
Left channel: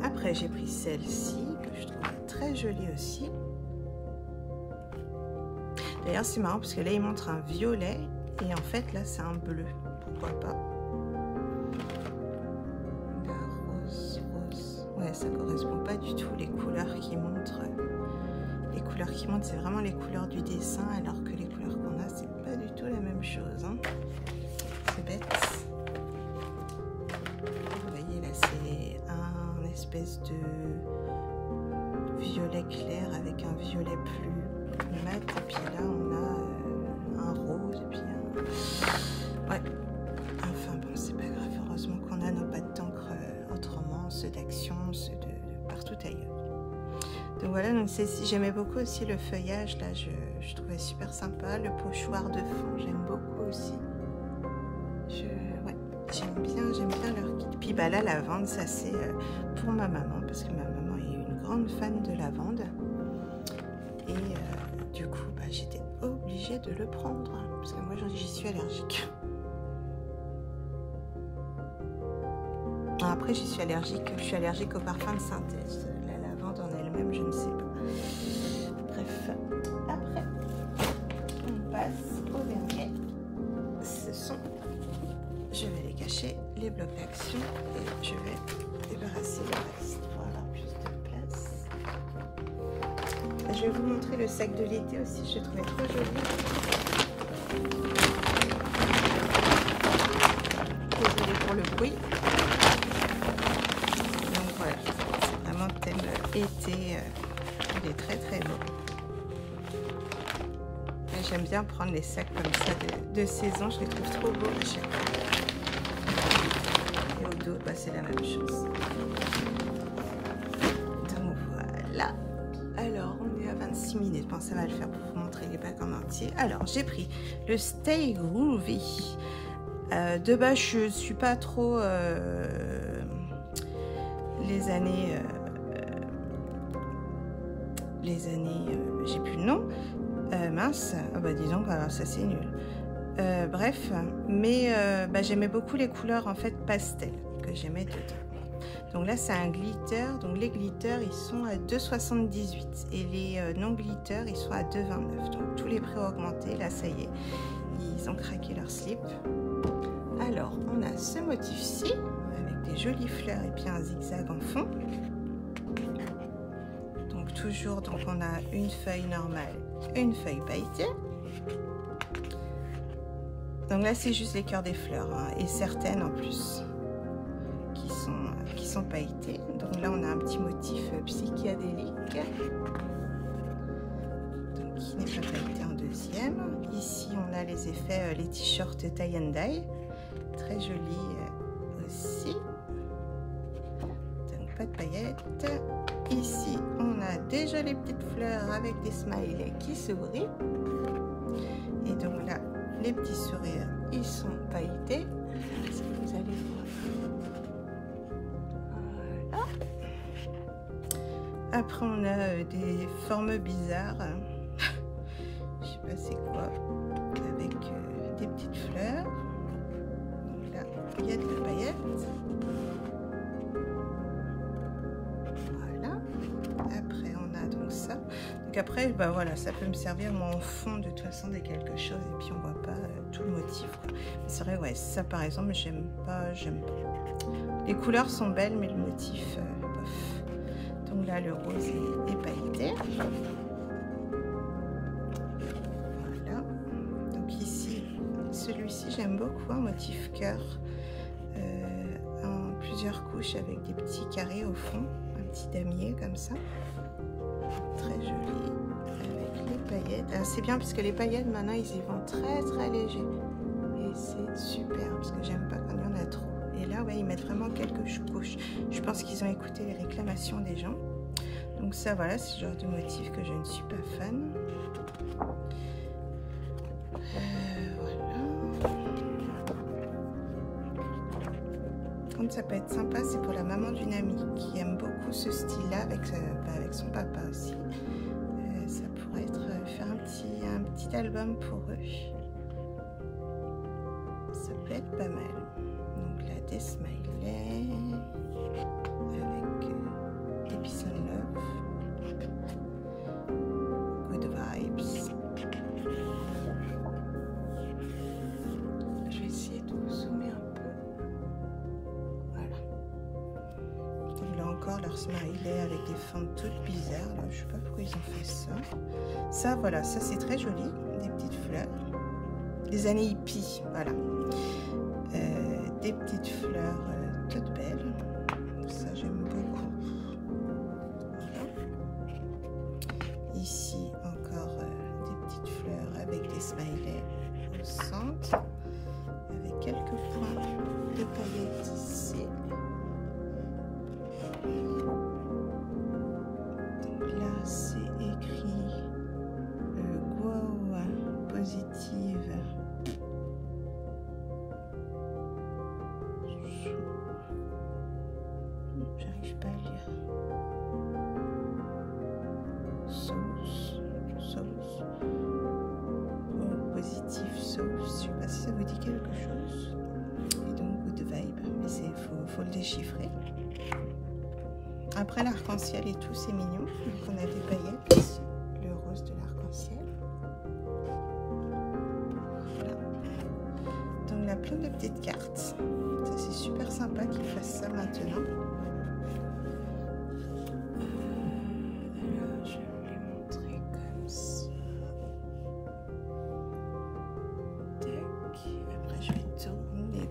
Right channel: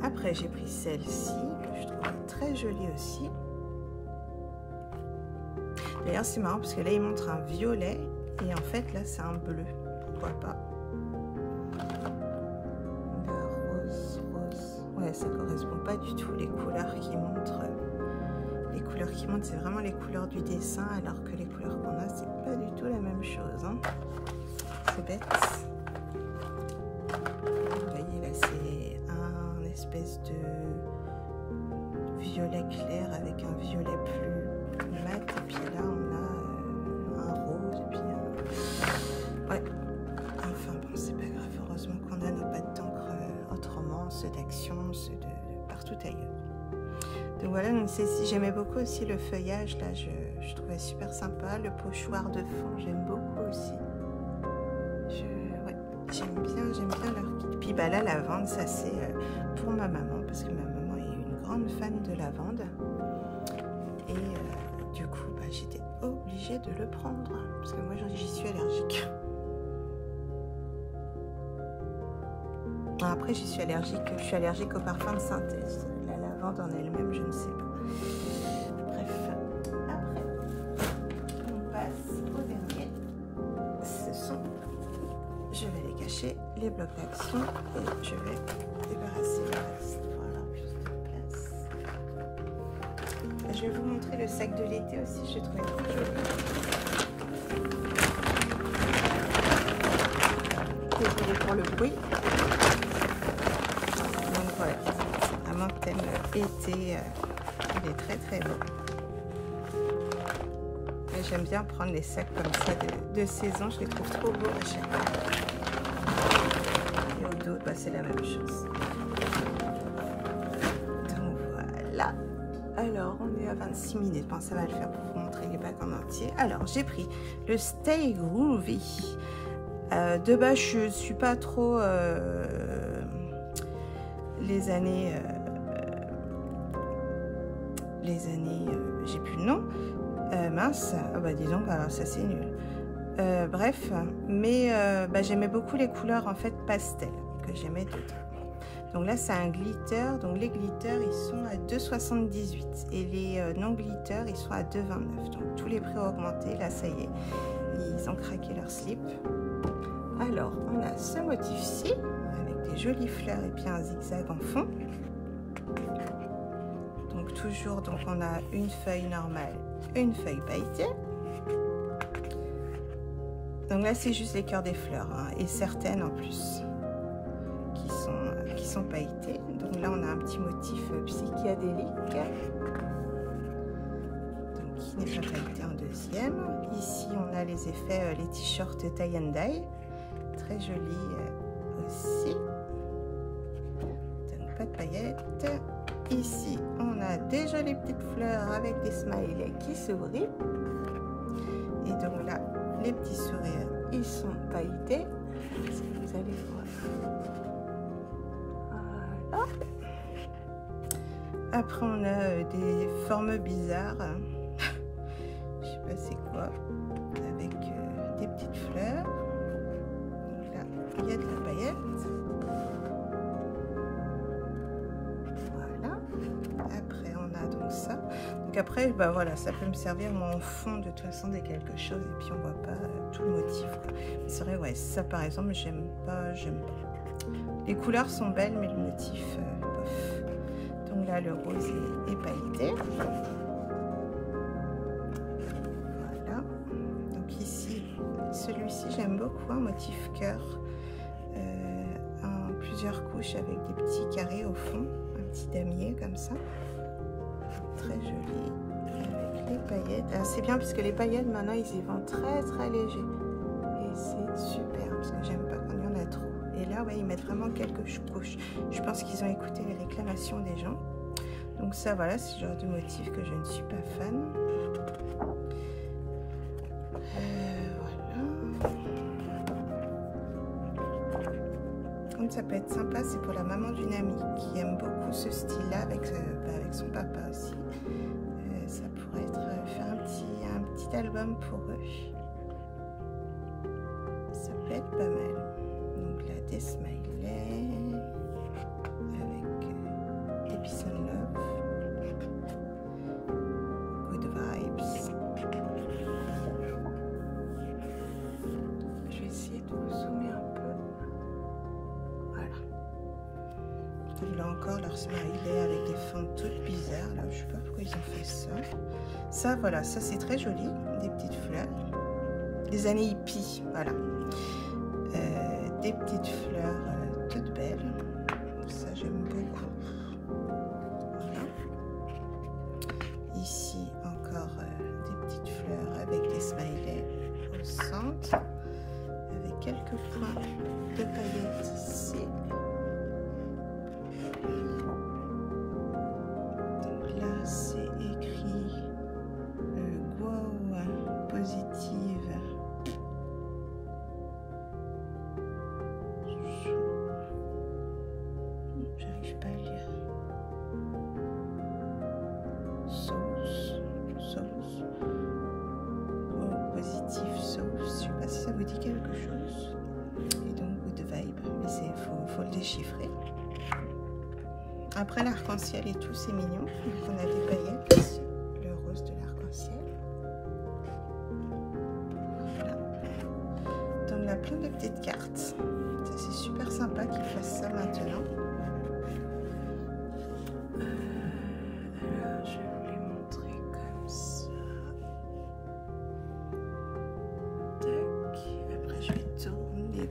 Après, j'ai pris celle-ci que je trouve très jolie aussi. D'ailleurs, c'est marrant parce que là, il montre un violet et en fait, là, c'est un bleu. Pourquoi pas? La rose. Ouais, ça correspond pas du tout les couleurs qui montrent. Les couleurs qui montrent, c'est vraiment les couleurs du dessin, alors que les couleurs qu'on a, c'est pas du tout la même chose. Hein. C'est bête. Vous voyez, là, c'est un espèce de violet clair avec un violet plus mat. Et puis là, on a partout ailleurs. Donc voilà, donc j'aimais beaucoup aussi le feuillage, là je trouvais super sympa. Le pochoir de fond, j'aime beaucoup aussi. Ouais, j'aime bien leur kit. Puis bah la lavande, ça c'est pour ma maman, parce que ma maman est une grande fan de lavande. Et du coup, bah, j'étais obligée de le prendre, parce que moi j'y suis allergique. Après, je suis allergique au parfum de synthèse. La lavande en elle-même, je ne sais pas. Bref, après, on passe au dernier. Ce sont, je vais les cacher, les blocs d'action, et je vais débarrasser le reste pour avoir plus de place. Je vais vous montrer le sac de l'été aussi, je le trouvais trop joli. Désolée pour le bruit. Donc voilà, vraiment thème été, il est très très beau. J'aime bien prendre les sacs comme ça de saison, je les trouve trop beaux à chaque fois. Et au dos, bah, c'est la même chose. Donc voilà. Alors, on est à 26 minutes. Bon, ça va le faire pour vous montrer les bacs en entier. Alors, j'ai pris le Stay Groovy. De base, je suis pas trop les années, j'ai plus le nom. Mince, ah bah dis donc, alors ça c'est nul. Bref, mais bah, j'aimais beaucoup les couleurs en fait pastel que j'aimais dedans. Donc là c'est un glitter, donc les glitters ils sont à 2,78 et les non glitters ils sont à 2,29. Donc tous les prix ont augmenté, là ça y est, ils ont craqué leur slip. Alors on a ce motif-ci avec des jolies fleurs et puis un zigzag en fond. Donc toujours, donc on a une feuille normale, une feuille pailletée. Donc là c'est juste les cœurs des fleurs hein, et certaines en plus qui sont pailletées. Donc là on a un petit motif psychédélique, donc qui n'est pas pailleté en deuxième. Ici on a les effets, les t-shirts tie and dye, très jolis aussi. Donc pas de paillettes. Ici, on a des jolies petites fleurs avec des smileys qui sourient. Et donc là, les petits sourires, ils sont pailletés. Est-ce que vous allez voir? Voilà. Après, on a des formes bizarres. Je sais pas c'est quoi. Avec des petites fleurs. Donc là, il y a de la paillette. Après on a donc ça, donc après bah voilà, ça peut me servir moi en fond de toute façon de quelque chose et puis on voit pas tout le motif. C'est vrai, ouais, ça par exemple j'aime pas. Les couleurs sont belles mais le motif bof. Donc là le rose est pailleté. Voilà, donc ici celui-ci j'aime beaucoup, un motif cœur en plusieurs couches avec des petits carrés au fond, un petit damier comme ça, très joli avec les paillettes. C'est bien parce que les paillettes maintenant ils y vont très très léger et c'est super parce que j'aime pas quand il y en a trop. Et là ouais, ils mettent vraiment quelques couches. Je pense qu'ils ont écouté les réclamations des gens. Donc ça voilà, c'est le genre de motif que je ne suis pas fan. Ça peut être sympa, c'est pour la maman d'une amie qui aime beaucoup ce style là avec son papa aussi. Ça pourrait être faire un petit album pour eux, ça peut être pas mal. Donc là des smileys avec des peace and love, good vibes. Je vais essayer de vous zoomer un peu. Là encore leur smiley avec des fentes toutes bizarres là, je sais pas pourquoi ils ont fait ça. Ça voilà, ça c'est très joli, des petites fleurs, des années hippies, voilà, des petites fleurs toutes belles, ça j'aime beaucoup. Voilà. Ici encore des petites fleurs avec des smileys au centre avec quelques points de paillettes ici. pas si ça vous dit quelque chose. Et donc Good Vibe, mais faut le déchiffrer. Après l'arc-en-ciel et tout, c'est mignon. Donc on a des paillettes ici, le rose de l'arc-en-ciel. Voilà. Donc on a plein de petites cartes. Ça c'est super sympa qu'ils fassent ça maintenant. Alors je vais vous les montrer comme ça. Tac. Après je vais tourner.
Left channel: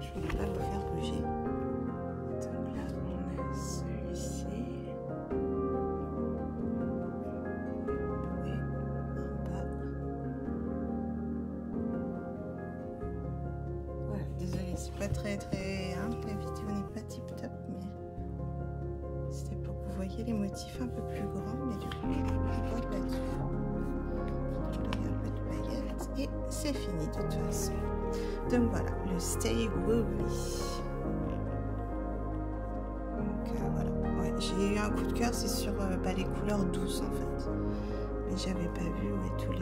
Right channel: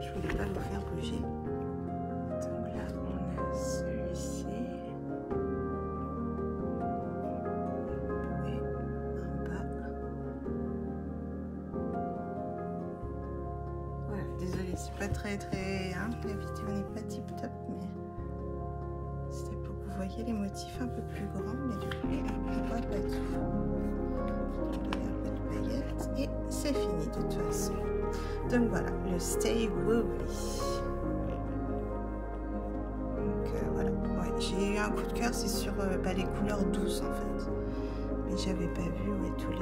Je voulais pas vous faire bouger. Donc là on a celui-ci. Et en bas. Voilà, désolée, c'est pas très hein, la vidéo n'est pas tip top, mais c'était pour que vous voyez les motifs un peu plus grands, mais du coup on voit pas tout. Donc il y a un peu de paillettes et c'est fini de toute façon. Donc voilà, le Stay Groovy. Donc voilà, ouais, j'ai eu un coup de cœur, c'est sur les couleurs douces en fait. Mais j'avais pas vu tous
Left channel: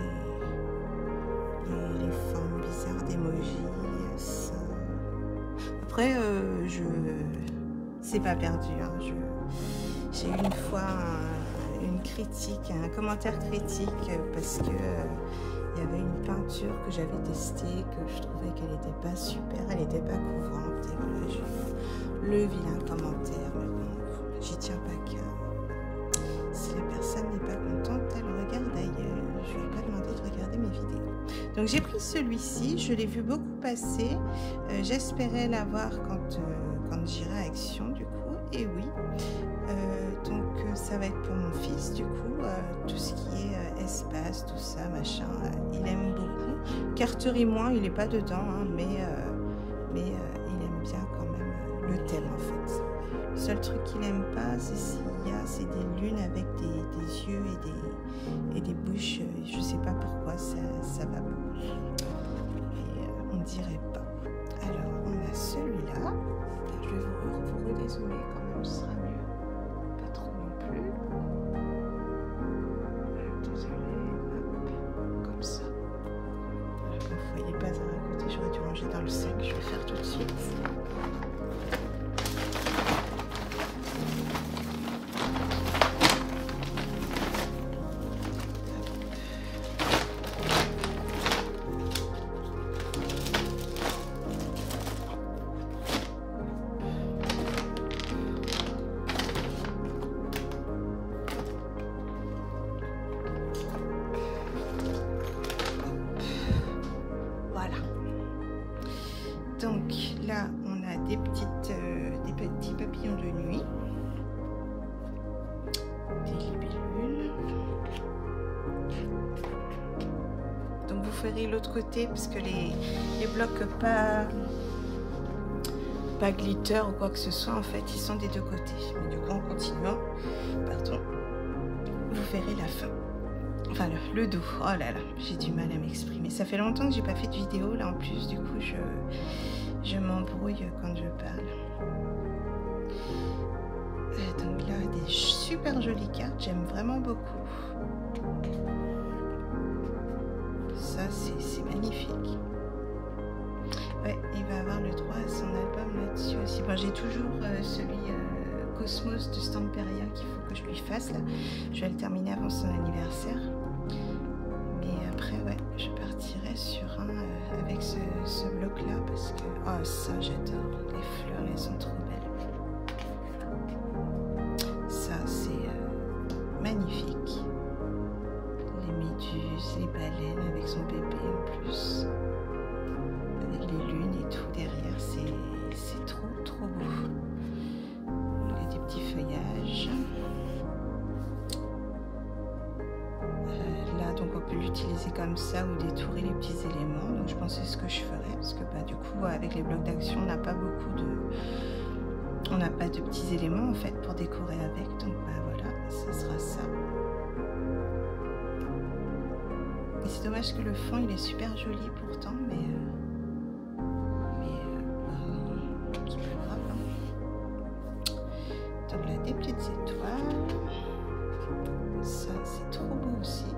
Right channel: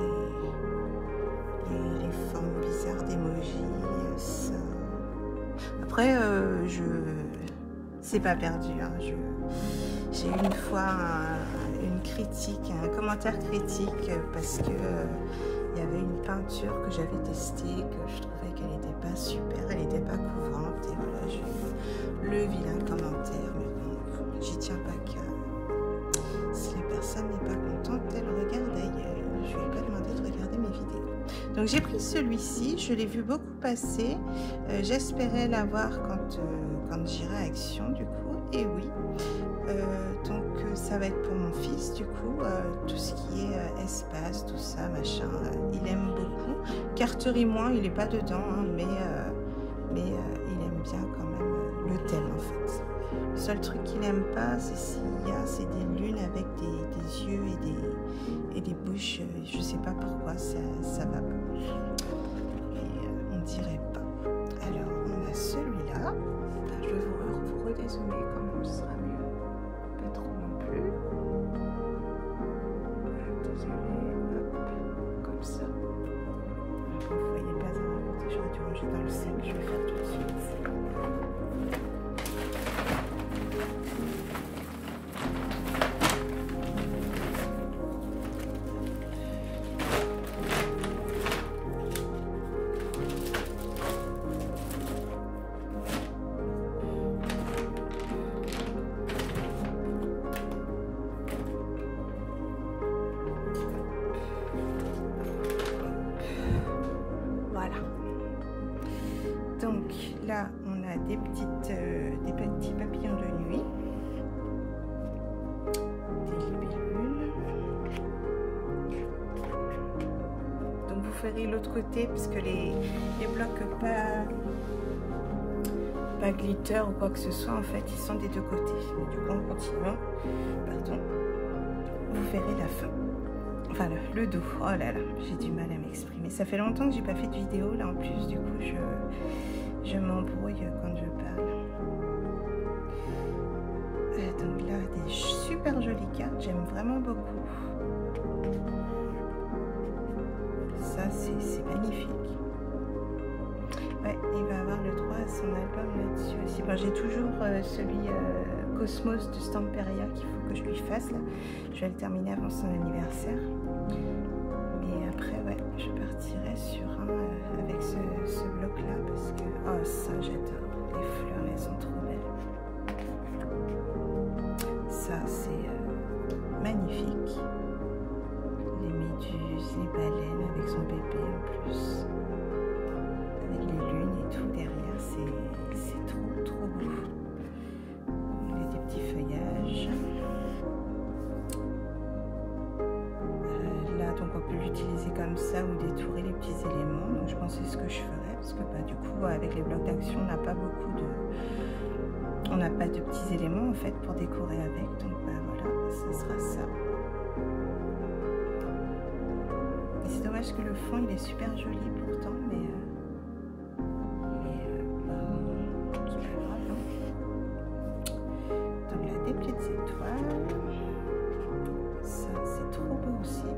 les formes bizarres d'emoji. Après, c'est pas perdu. Hein. J'ai eu une fois une critique, un commentaire critique parce que il y avait une peinture que j'avais testée, que je trouvais qu'elle n'était pas super, elle n'était pas couvrante. Et voilà, j'ai eu le vilain commentaire. Mais bon, j'y tiens pas qu'à. Si la personne n'est pas contente, elle regarde ailleurs. Je lui ai pas demandé de regarder mes vidéos. Donc j'ai pris celui-ci, je l'ai vu beaucoup passer. J'espérais l'avoir quand j'irai à Action du coup. Et oui. Donc ça va être pour mon fils du coup. Tout ce qui est espace, tout ça, machin, il aime beaucoup. Carterie moins, il n'est pas dedans, hein, mais il aime bien quand même le thème en fait. Le seul truc qu'il n'aime pas, c'est c'est des lunes avec des yeux et des bouches. Je sais pas pourquoi, ça va pas. Et on dirait pas. Alors, on a celui-là. Je vais vous redézoomer quand même, ce sera mieux. Pas trop non plus. Désolée, hop, comme ça. Voilà, comme vous voyez pas dans un côté, j'aurais dû ranger dans le sac. Je vais faire tout de suite. Voilà. Donc là, on a des petits papillons de nuit, des libellules. Donc vous ferez l'autre côté parce que les blocs pas glitter ou quoi que ce soit, en fait, ils sont des deux côtés. Mais du coup, en continuant, pardon, vous verrez la fin. Enfin, le dos. Oh là là, j'ai du mal à m'exprimer. Ça fait longtemps que j'ai pas fait de vidéo. Là, en plus, du coup, je m'embrouille quand je parle. Donc là, des super jolies cartes. J'aime vraiment beaucoup. Ça, c'est magnifique. Ouais, il va avoir le droit à son album là-dessus aussi. Bon, j'ai toujours celui Cosmos de Stamperia qu'il faut que je lui fasse là. Je vais le terminer avant son anniversaire. Mais après, ouais, je partirai sur un avec ce bloc-là parce que, oh, ça, j'adore. Les fleurs, elles sont trop belles. Ça, c'est magnifique. Les méduses, les baleines avec son bébé en plus. Avec les lunes et tout derrière, c'est trop beau. Il y a des petits feuillages. Là, donc on peut l'utiliser comme ça ou détourer les petits éléments. Donc je pense que c'est ce que je ferais parce que bah, du coup, avec les blocs d'action, on n'a pas de petits éléments en fait pour décorer avec. Donc bah voilà, ça sera ça. Et c'est dommage que le fond il est super joli pourtant, mais c'est pas grave. Hein. Donc là, des petites étoiles. Ça, c'est trop beau aussi.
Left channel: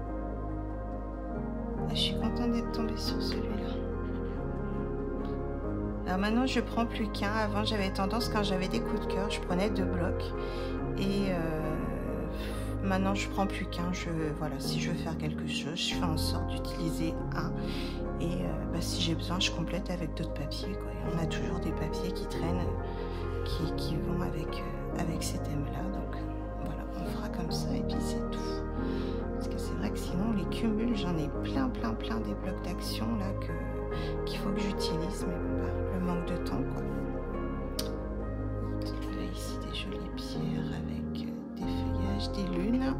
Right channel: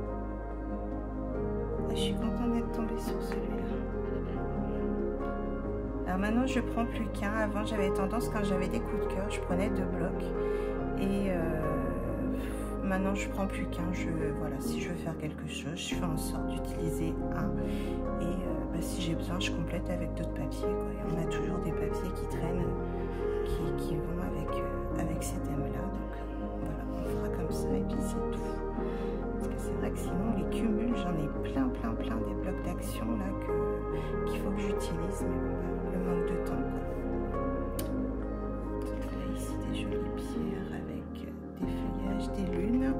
Ah, je suis contente d'être tombée sur celui-là. Alors maintenant je prends plus qu'un. Avant j'avais tendance, quand j'avais des coups de cœur, je prenais 2 blocs. Et maintenant je prends plus qu'un. Voilà, si je veux faire quelque chose, je fais en sorte d'utiliser un. Et si j'ai besoin, je complète avec d'autres papiers, quoi. Et on a toujours des papiers qui traînent, qui vont avec ces thèmes-là. Donc voilà, on fera comme ça et puis c'est tout. Parce que c'est vrai que sinon les cumuls, j'en ai plein des blocs d'action là qu'il faut que j'utilise, mais bon, le manque de temps, quoi. Là ici des jolies pierres avec des feuillages, des lunes.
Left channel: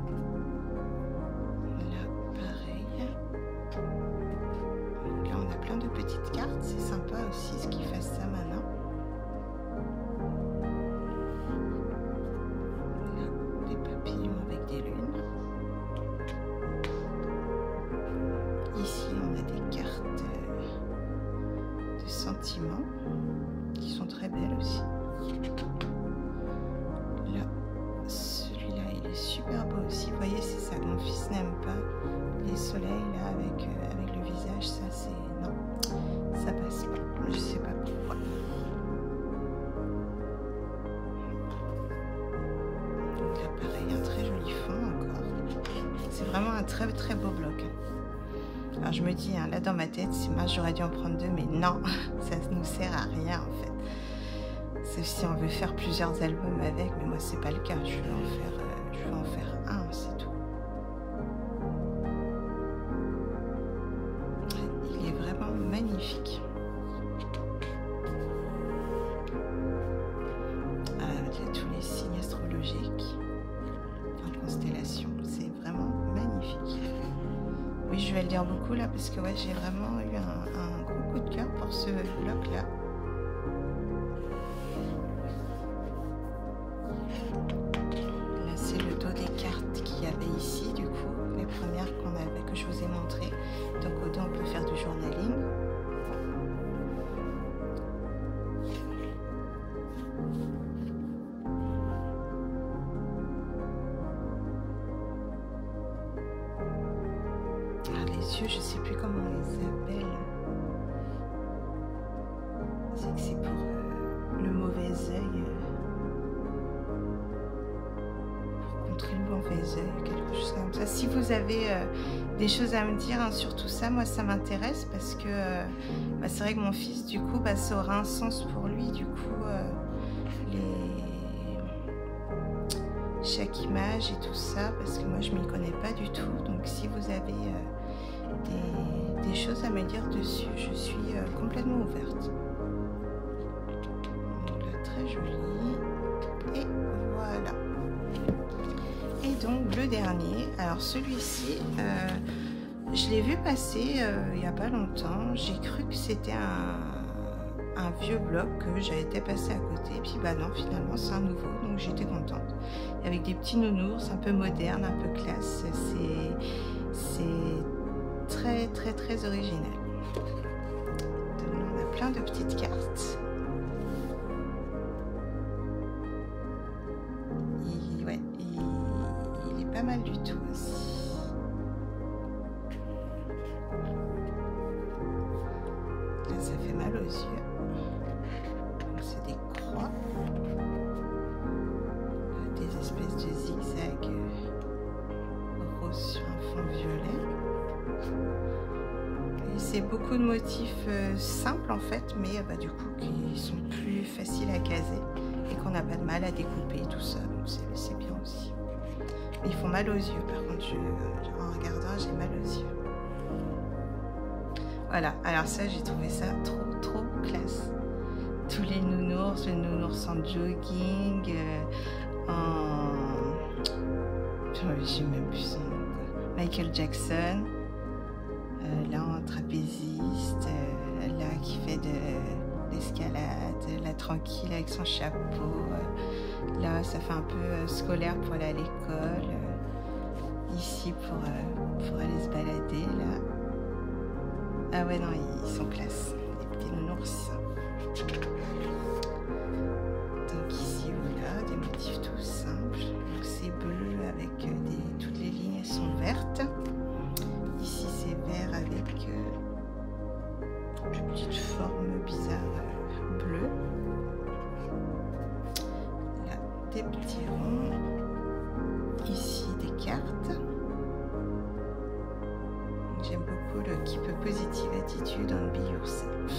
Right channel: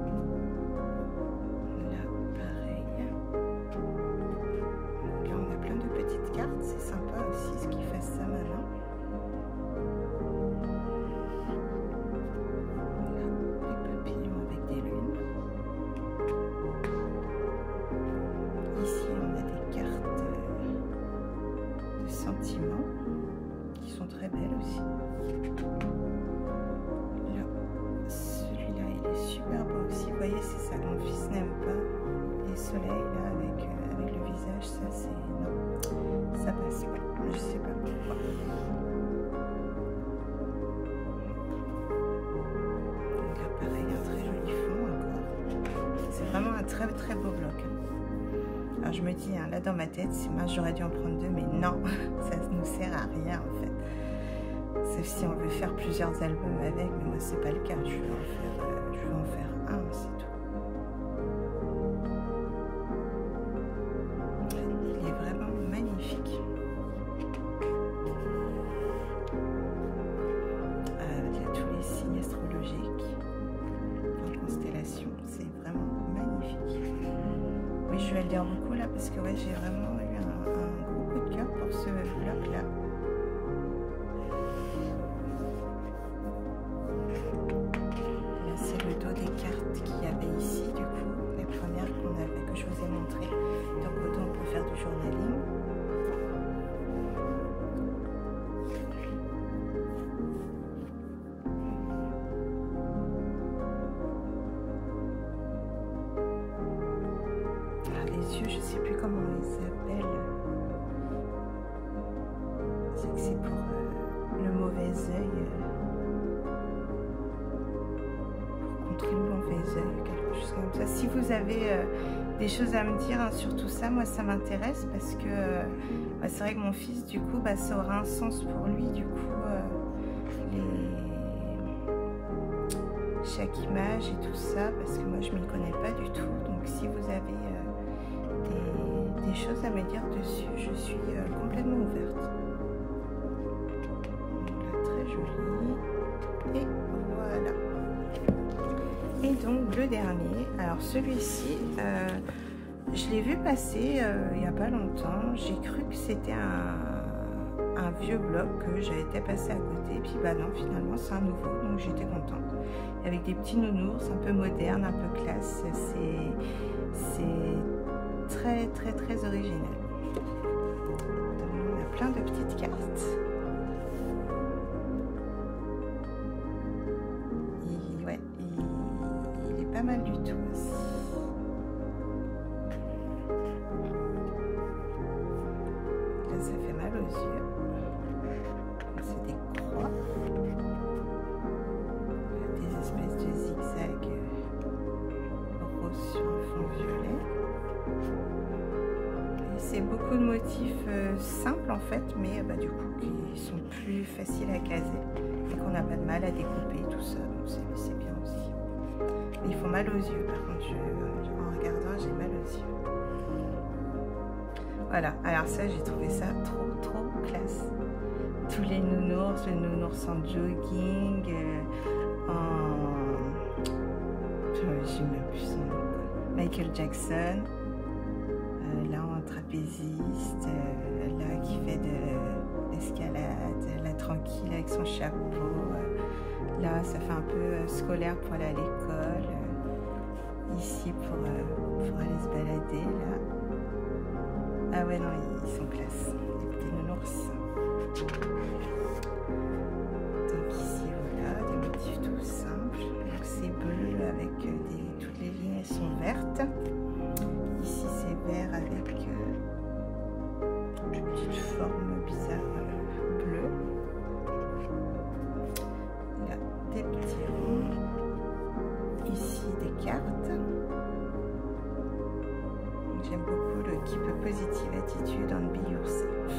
Là pareil. Là on a plein de petites cartes, c'est sympa aussi ce qu'ils fassent ça maintenant. Là, des papillons avec des lunes. Ici, on a des cartes de sentiments qui sont très belles aussi. Là, celui-là, il est super beau aussi. Vous voyez, c'est ça que mon fils n'aime pas. Les soleils, là, avec le visage, ça, c'est... Non, ça passe pas. Je sais pas pourquoi. Donc là, pareil, un très joli fond encore. C'est vraiment un très beau bloc. Alors je me dis, hein, là dans ma tête, c'est mince, j'aurais dû en prendre 2, mais non, ça ne nous sert à rien en fait. Sauf si on veut faire plusieurs albums avec, mais moi c'est pas le cas, je vais en faire un, c'est tout. Il est vraiment magnifique. Il y a tous les signes astrologiques en constellation, c'est vraiment magnifique. Oui, je vais le dire beaucoup là parce que ouais, j'ai vraiment eu un gros coup de cœur pour ce bloc là. Là, c'est le dos des cartes qu'il y avait ici, du coup, les premières que je vous ai montrées. Donc au dos, on peut faire du journaling. Je sais plus comment on les appelle. C'est que c'est pour le mauvais œil, pour contrer le mauvais œil, quelque chose comme ça. Si vous avez des choses à me dire, hein, sur tout ça, moi ça m'intéresse parce que c'est vrai que mon fils, du coup, ça aura un sens pour lui. Du coup, chaque image et tout ça, parce que moi je m'y connais pas du tout. Donc si vous avez des choses à me dire dessus, je suis complètement ouverte. Là, très joli. Et voilà. Et donc le dernier, alors celui-ci, je l'ai vu passer il n'y a pas longtemps. J'ai cru que c'était un vieux bloc que j'avais été passé à côté, puis non, finalement c'est un nouveau, donc j'étais contente. Avec des petits nounours, un peu moderne, un peu classe, c'est très original. Donc là, on a plein de petites cartes. Il est pas mal du tout aussi. Là, ça fait mal aux yeux. C'est des croix. Des espèces de zigzags rose sur un fond violet. C'est beaucoup de motifs simples en fait, mais du coup qui sont plus faciles à caser et qu'on n'a pas de mal à découper, tout ça, donc c'est bien aussi. Mais ils font mal aux yeux, par contre, en regardant, j'ai mal aux yeux. Voilà, alors ça, j'ai trouvé ça trop classe. Tous les nounours, le nounours en jogging, j'ai même plus son nom, quoi. Michael Jackson. Là en trapéziste, là qui fait de l'escalade, là tranquille avec son chapeau, là ça fait un peu scolaire pour aller à l'école, ici pour aller se balader là. Ah ouais non, ils sont classe, les petits nounours. Donc ici voilà, des motifs tout simples, donc c'est bleu avec toutes les lignes elles sont vertes. Ici c'est vert avec une petite forme bizarre bleu. Là, des petits ronds. Ici, des cartes. J'aime beaucoup le Keep a Positive Attitude and Be Yourself.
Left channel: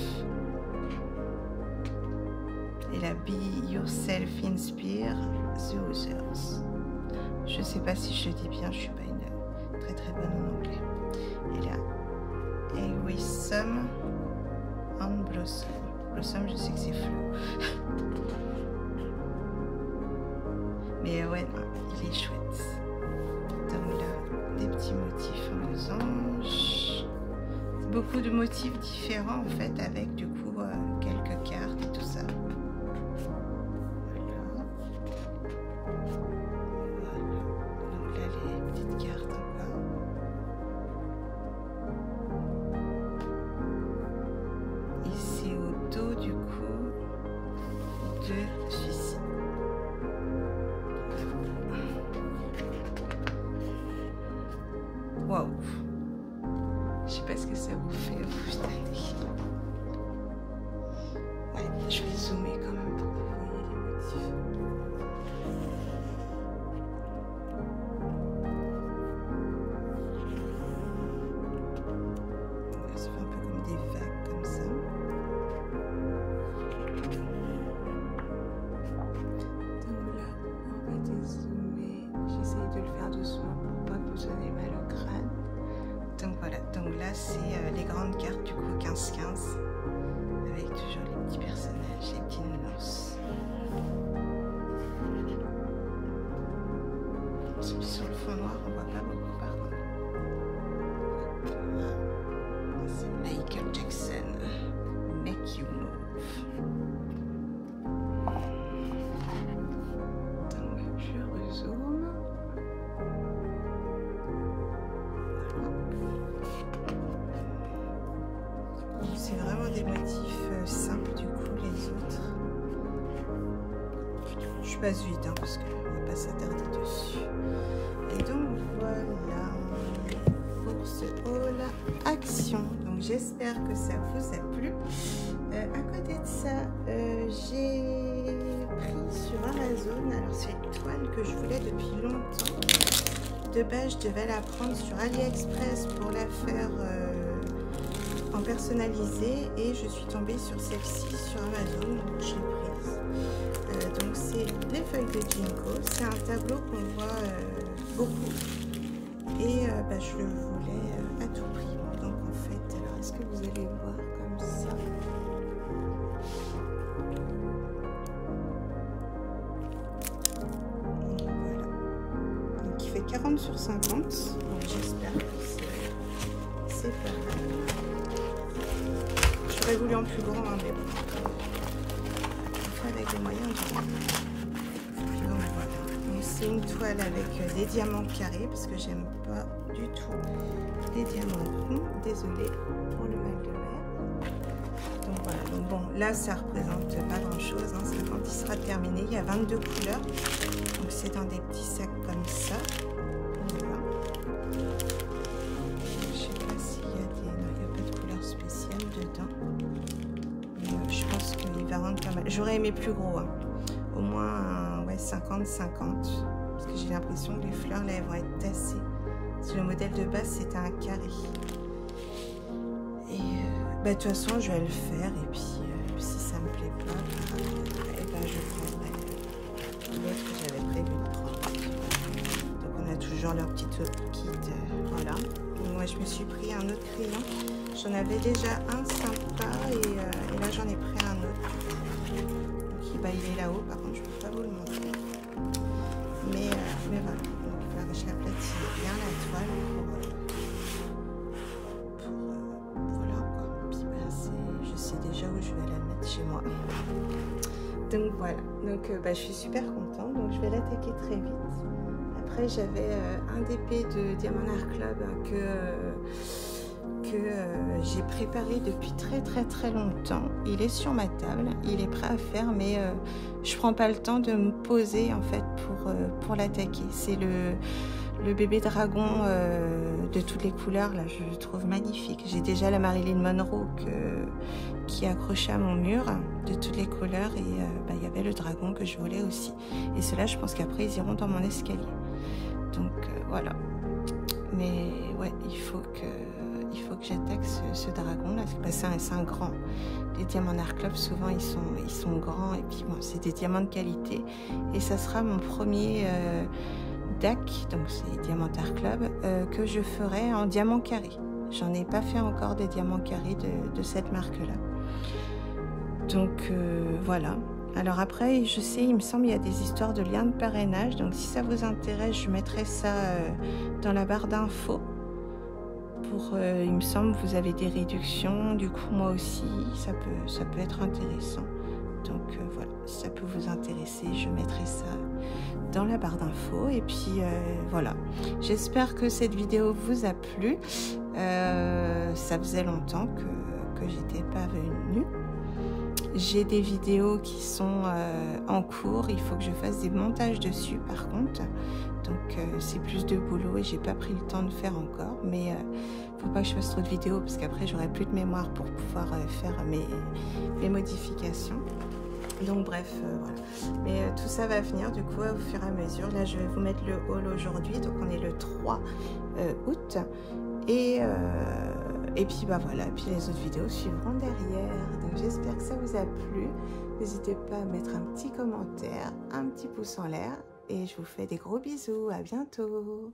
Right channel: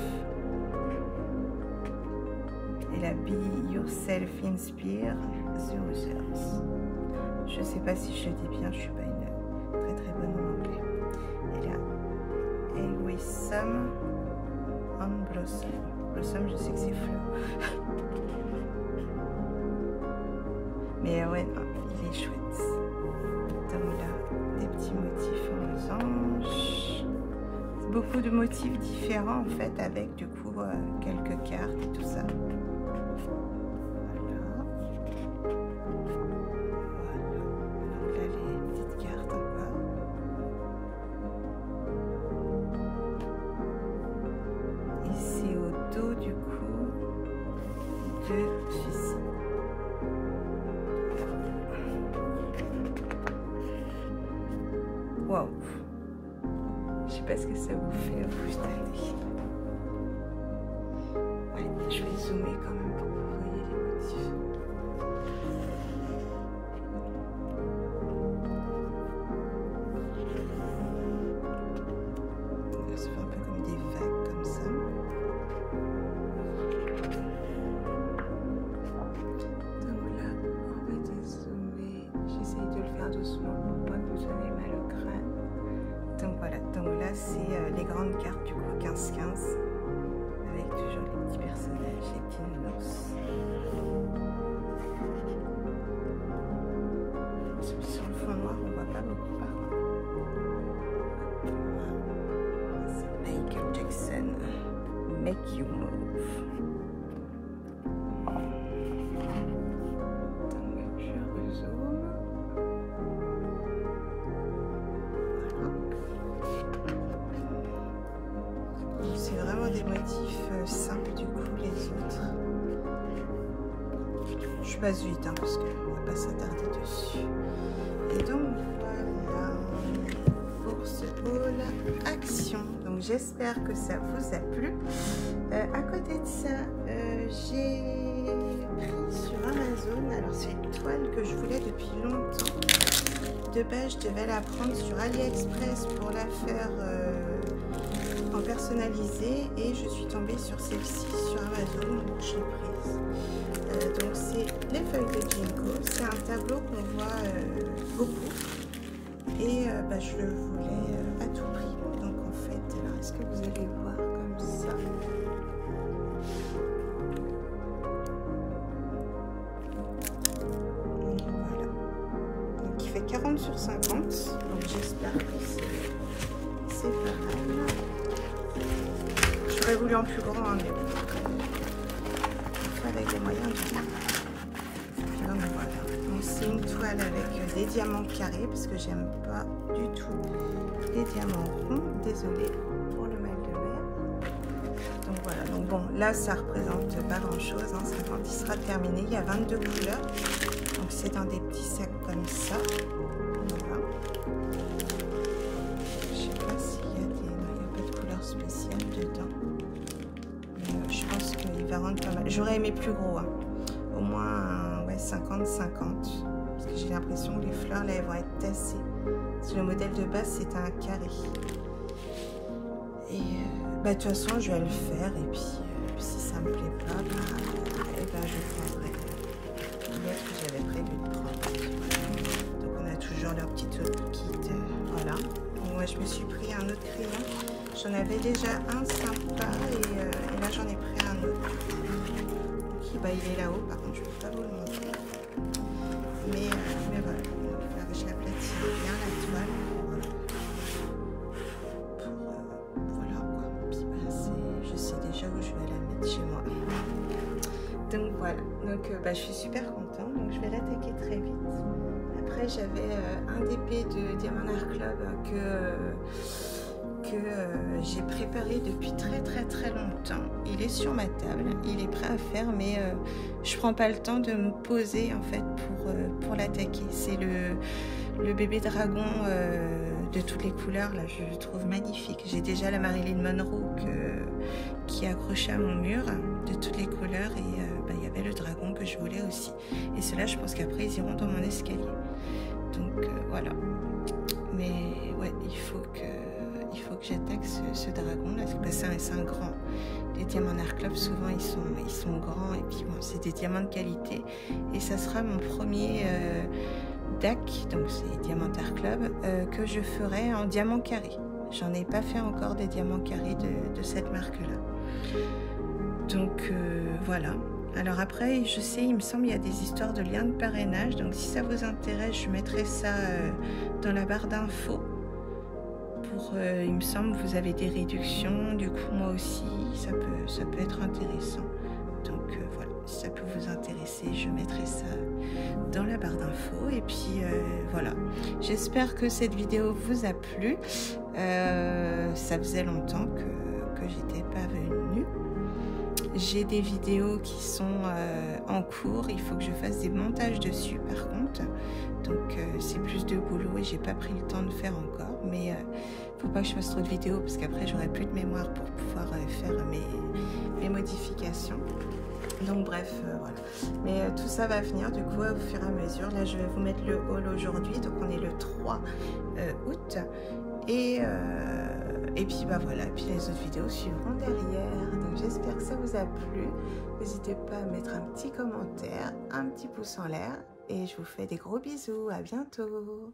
Et la Be Yourself Inspire the Others. Je sais pas si je le dis bien, je suis pas une très bonne en anglais. Et là, Some and Blossom. Blossom, je sais que c'est fleur. Mais ouais, non, il est chouette. Donc là, des petits motifs en losange. Beaucoup de motifs différents en fait, avec du coup quelques cartes et tout ça. Du coup de suicide. Waouh, je sais pas ce que ça vous fait vous cette année. Ouais, je vais zoomer quand même pour que vous voyez les motifs. Ça fait un peu comme des vagues comme ça. De le faire doucement pour pas que vous ayez mal au crâne. Donc voilà, donc là c'est les grandes cartes du coup 15-15 avec toujours les petits personnages, les petits nounours. Sur le fond noir on voit pas beaucoup par contre. C'est Michael Jackson, Make You Move. Donc je rezoome. C'est vraiment des motifs simples du coup les autres. Je passe vite hein, parce qu'on ne va pas s'attarder dessus. Et donc voilà pour ce haul action. Donc j'espère que ça vous a plu. À côté de ça, j'ai pris sur Amazon, alors c'est une toile que je voulais depuis longtemps. De base je devais la prendre sur AliExpress pour la faire en personnalisé et je suis tombée sur celle-ci sur Amazon, donc je l'ai prise. Donc c'est les feuilles de Ginkgo, c'est un tableau qu'on voit beaucoup et je le voulais à tout prix. Donc en fait, alors est-ce que vous allez voir comme ça? Voilà. Donc il fait 40 sur 50, donc j'espère que c'est pas mal. J'aurais voulu en plus grand, hein, mais bon, après, avec les moyens. Donc voilà. Donc c'est une toile avec des diamants carrés parce que j'aime pas du tout les diamants ronds. Désolée pour le mal de mer. Donc voilà. Donc bon, là ça représente pas grand chose. Hein, quand il sera terminé, il y a 22 couleurs. Donc c'est dans des petits sacs comme ça. Voilà. Spécial dedans, mais je pense qu'il va rendre pas mal. J'aurais aimé plus gros, hein. Au moins ouais, 50-50 parce que j'ai l'impression que les fleurs là elles vont être tassées parce que le modèle de base c'était un carré et de toute façon je vais le faire et puis si ça me plaît pas je prendrai l'autre que j'avais prévu de prendre. Donc on a toujours leur petit kit, voilà. Donc, moi je me suis pris un autre crayon. J'en avais déjà un sympa et là j'en ai pris un autre. Donc, il est là-haut, par contre je ne peux pas vous le montrer. Mais voilà, donc, je l'aplatine bien la toile voilà quoi. Puis je sais déjà où je vais la mettre chez moi. Donc voilà, donc je suis super contente, donc je vais l'attaquer très vite. Après j'avais un DP de Diamond Art Club que j'ai préparé depuis très longtemps. Il est sur ma table, il est prêt à faire, mais je prends pas le temps de me poser en fait pour l'attaquer. C'est le bébé dragon de toutes les couleurs là, je le trouve magnifique. J'ai déjà la Marilyn Monroe qui est accroché à mon mur de toutes les couleurs et il y avait le dragon que je voulais aussi. Et ceux-là, je pense qu'après ils iront dans mon escalier. Donc voilà. Mais ouais, il faut que j'attaque ce dragon là. C'est un grand. Les diamants Art Club, souvent ils sont grands et puis bon, c'est des diamants de qualité. Et ça sera mon premier DAC, donc c'est Diamant Art Club, que je ferai en diamant carré. J'en ai pas fait encore des diamants carrés de cette marque-là. Donc voilà. Alors après, je sais, il me semble, il y a des histoires de liens de parrainage. Donc si ça vous intéresse, je mettrai ça dans la barre d'infos. Il me semble, vous avez des réductions. Du coup, moi aussi, ça peut être intéressant. Donc voilà, si ça peut vous intéresser, je mettrai ça dans la barre d'infos. Et puis voilà, j'espère que cette vidéo vous a plu. Ça faisait longtemps que j'étais pas venue. J'ai des vidéos qui sont en cours, il faut que je fasse des montages dessus par contre. Donc c'est plus de boulot et j'ai pas pris le temps de faire encore. Mais faut pas que je fasse trop de vidéos parce qu'après j'aurai plus de mémoire pour pouvoir faire mes modifications. Donc bref, voilà. Mais tout ça va venir du coup au fur et à mesure. Là je vais vous mettre le haul aujourd'hui, donc on est le 3 août. Et puis bah voilà, puis les autres vidéos suivront derrière. Donc j'espère que ça vous a plu. N'hésitez pas à mettre un petit commentaire, un petit pouce en l'air. Et je vous fais des gros bisous. À bientôt.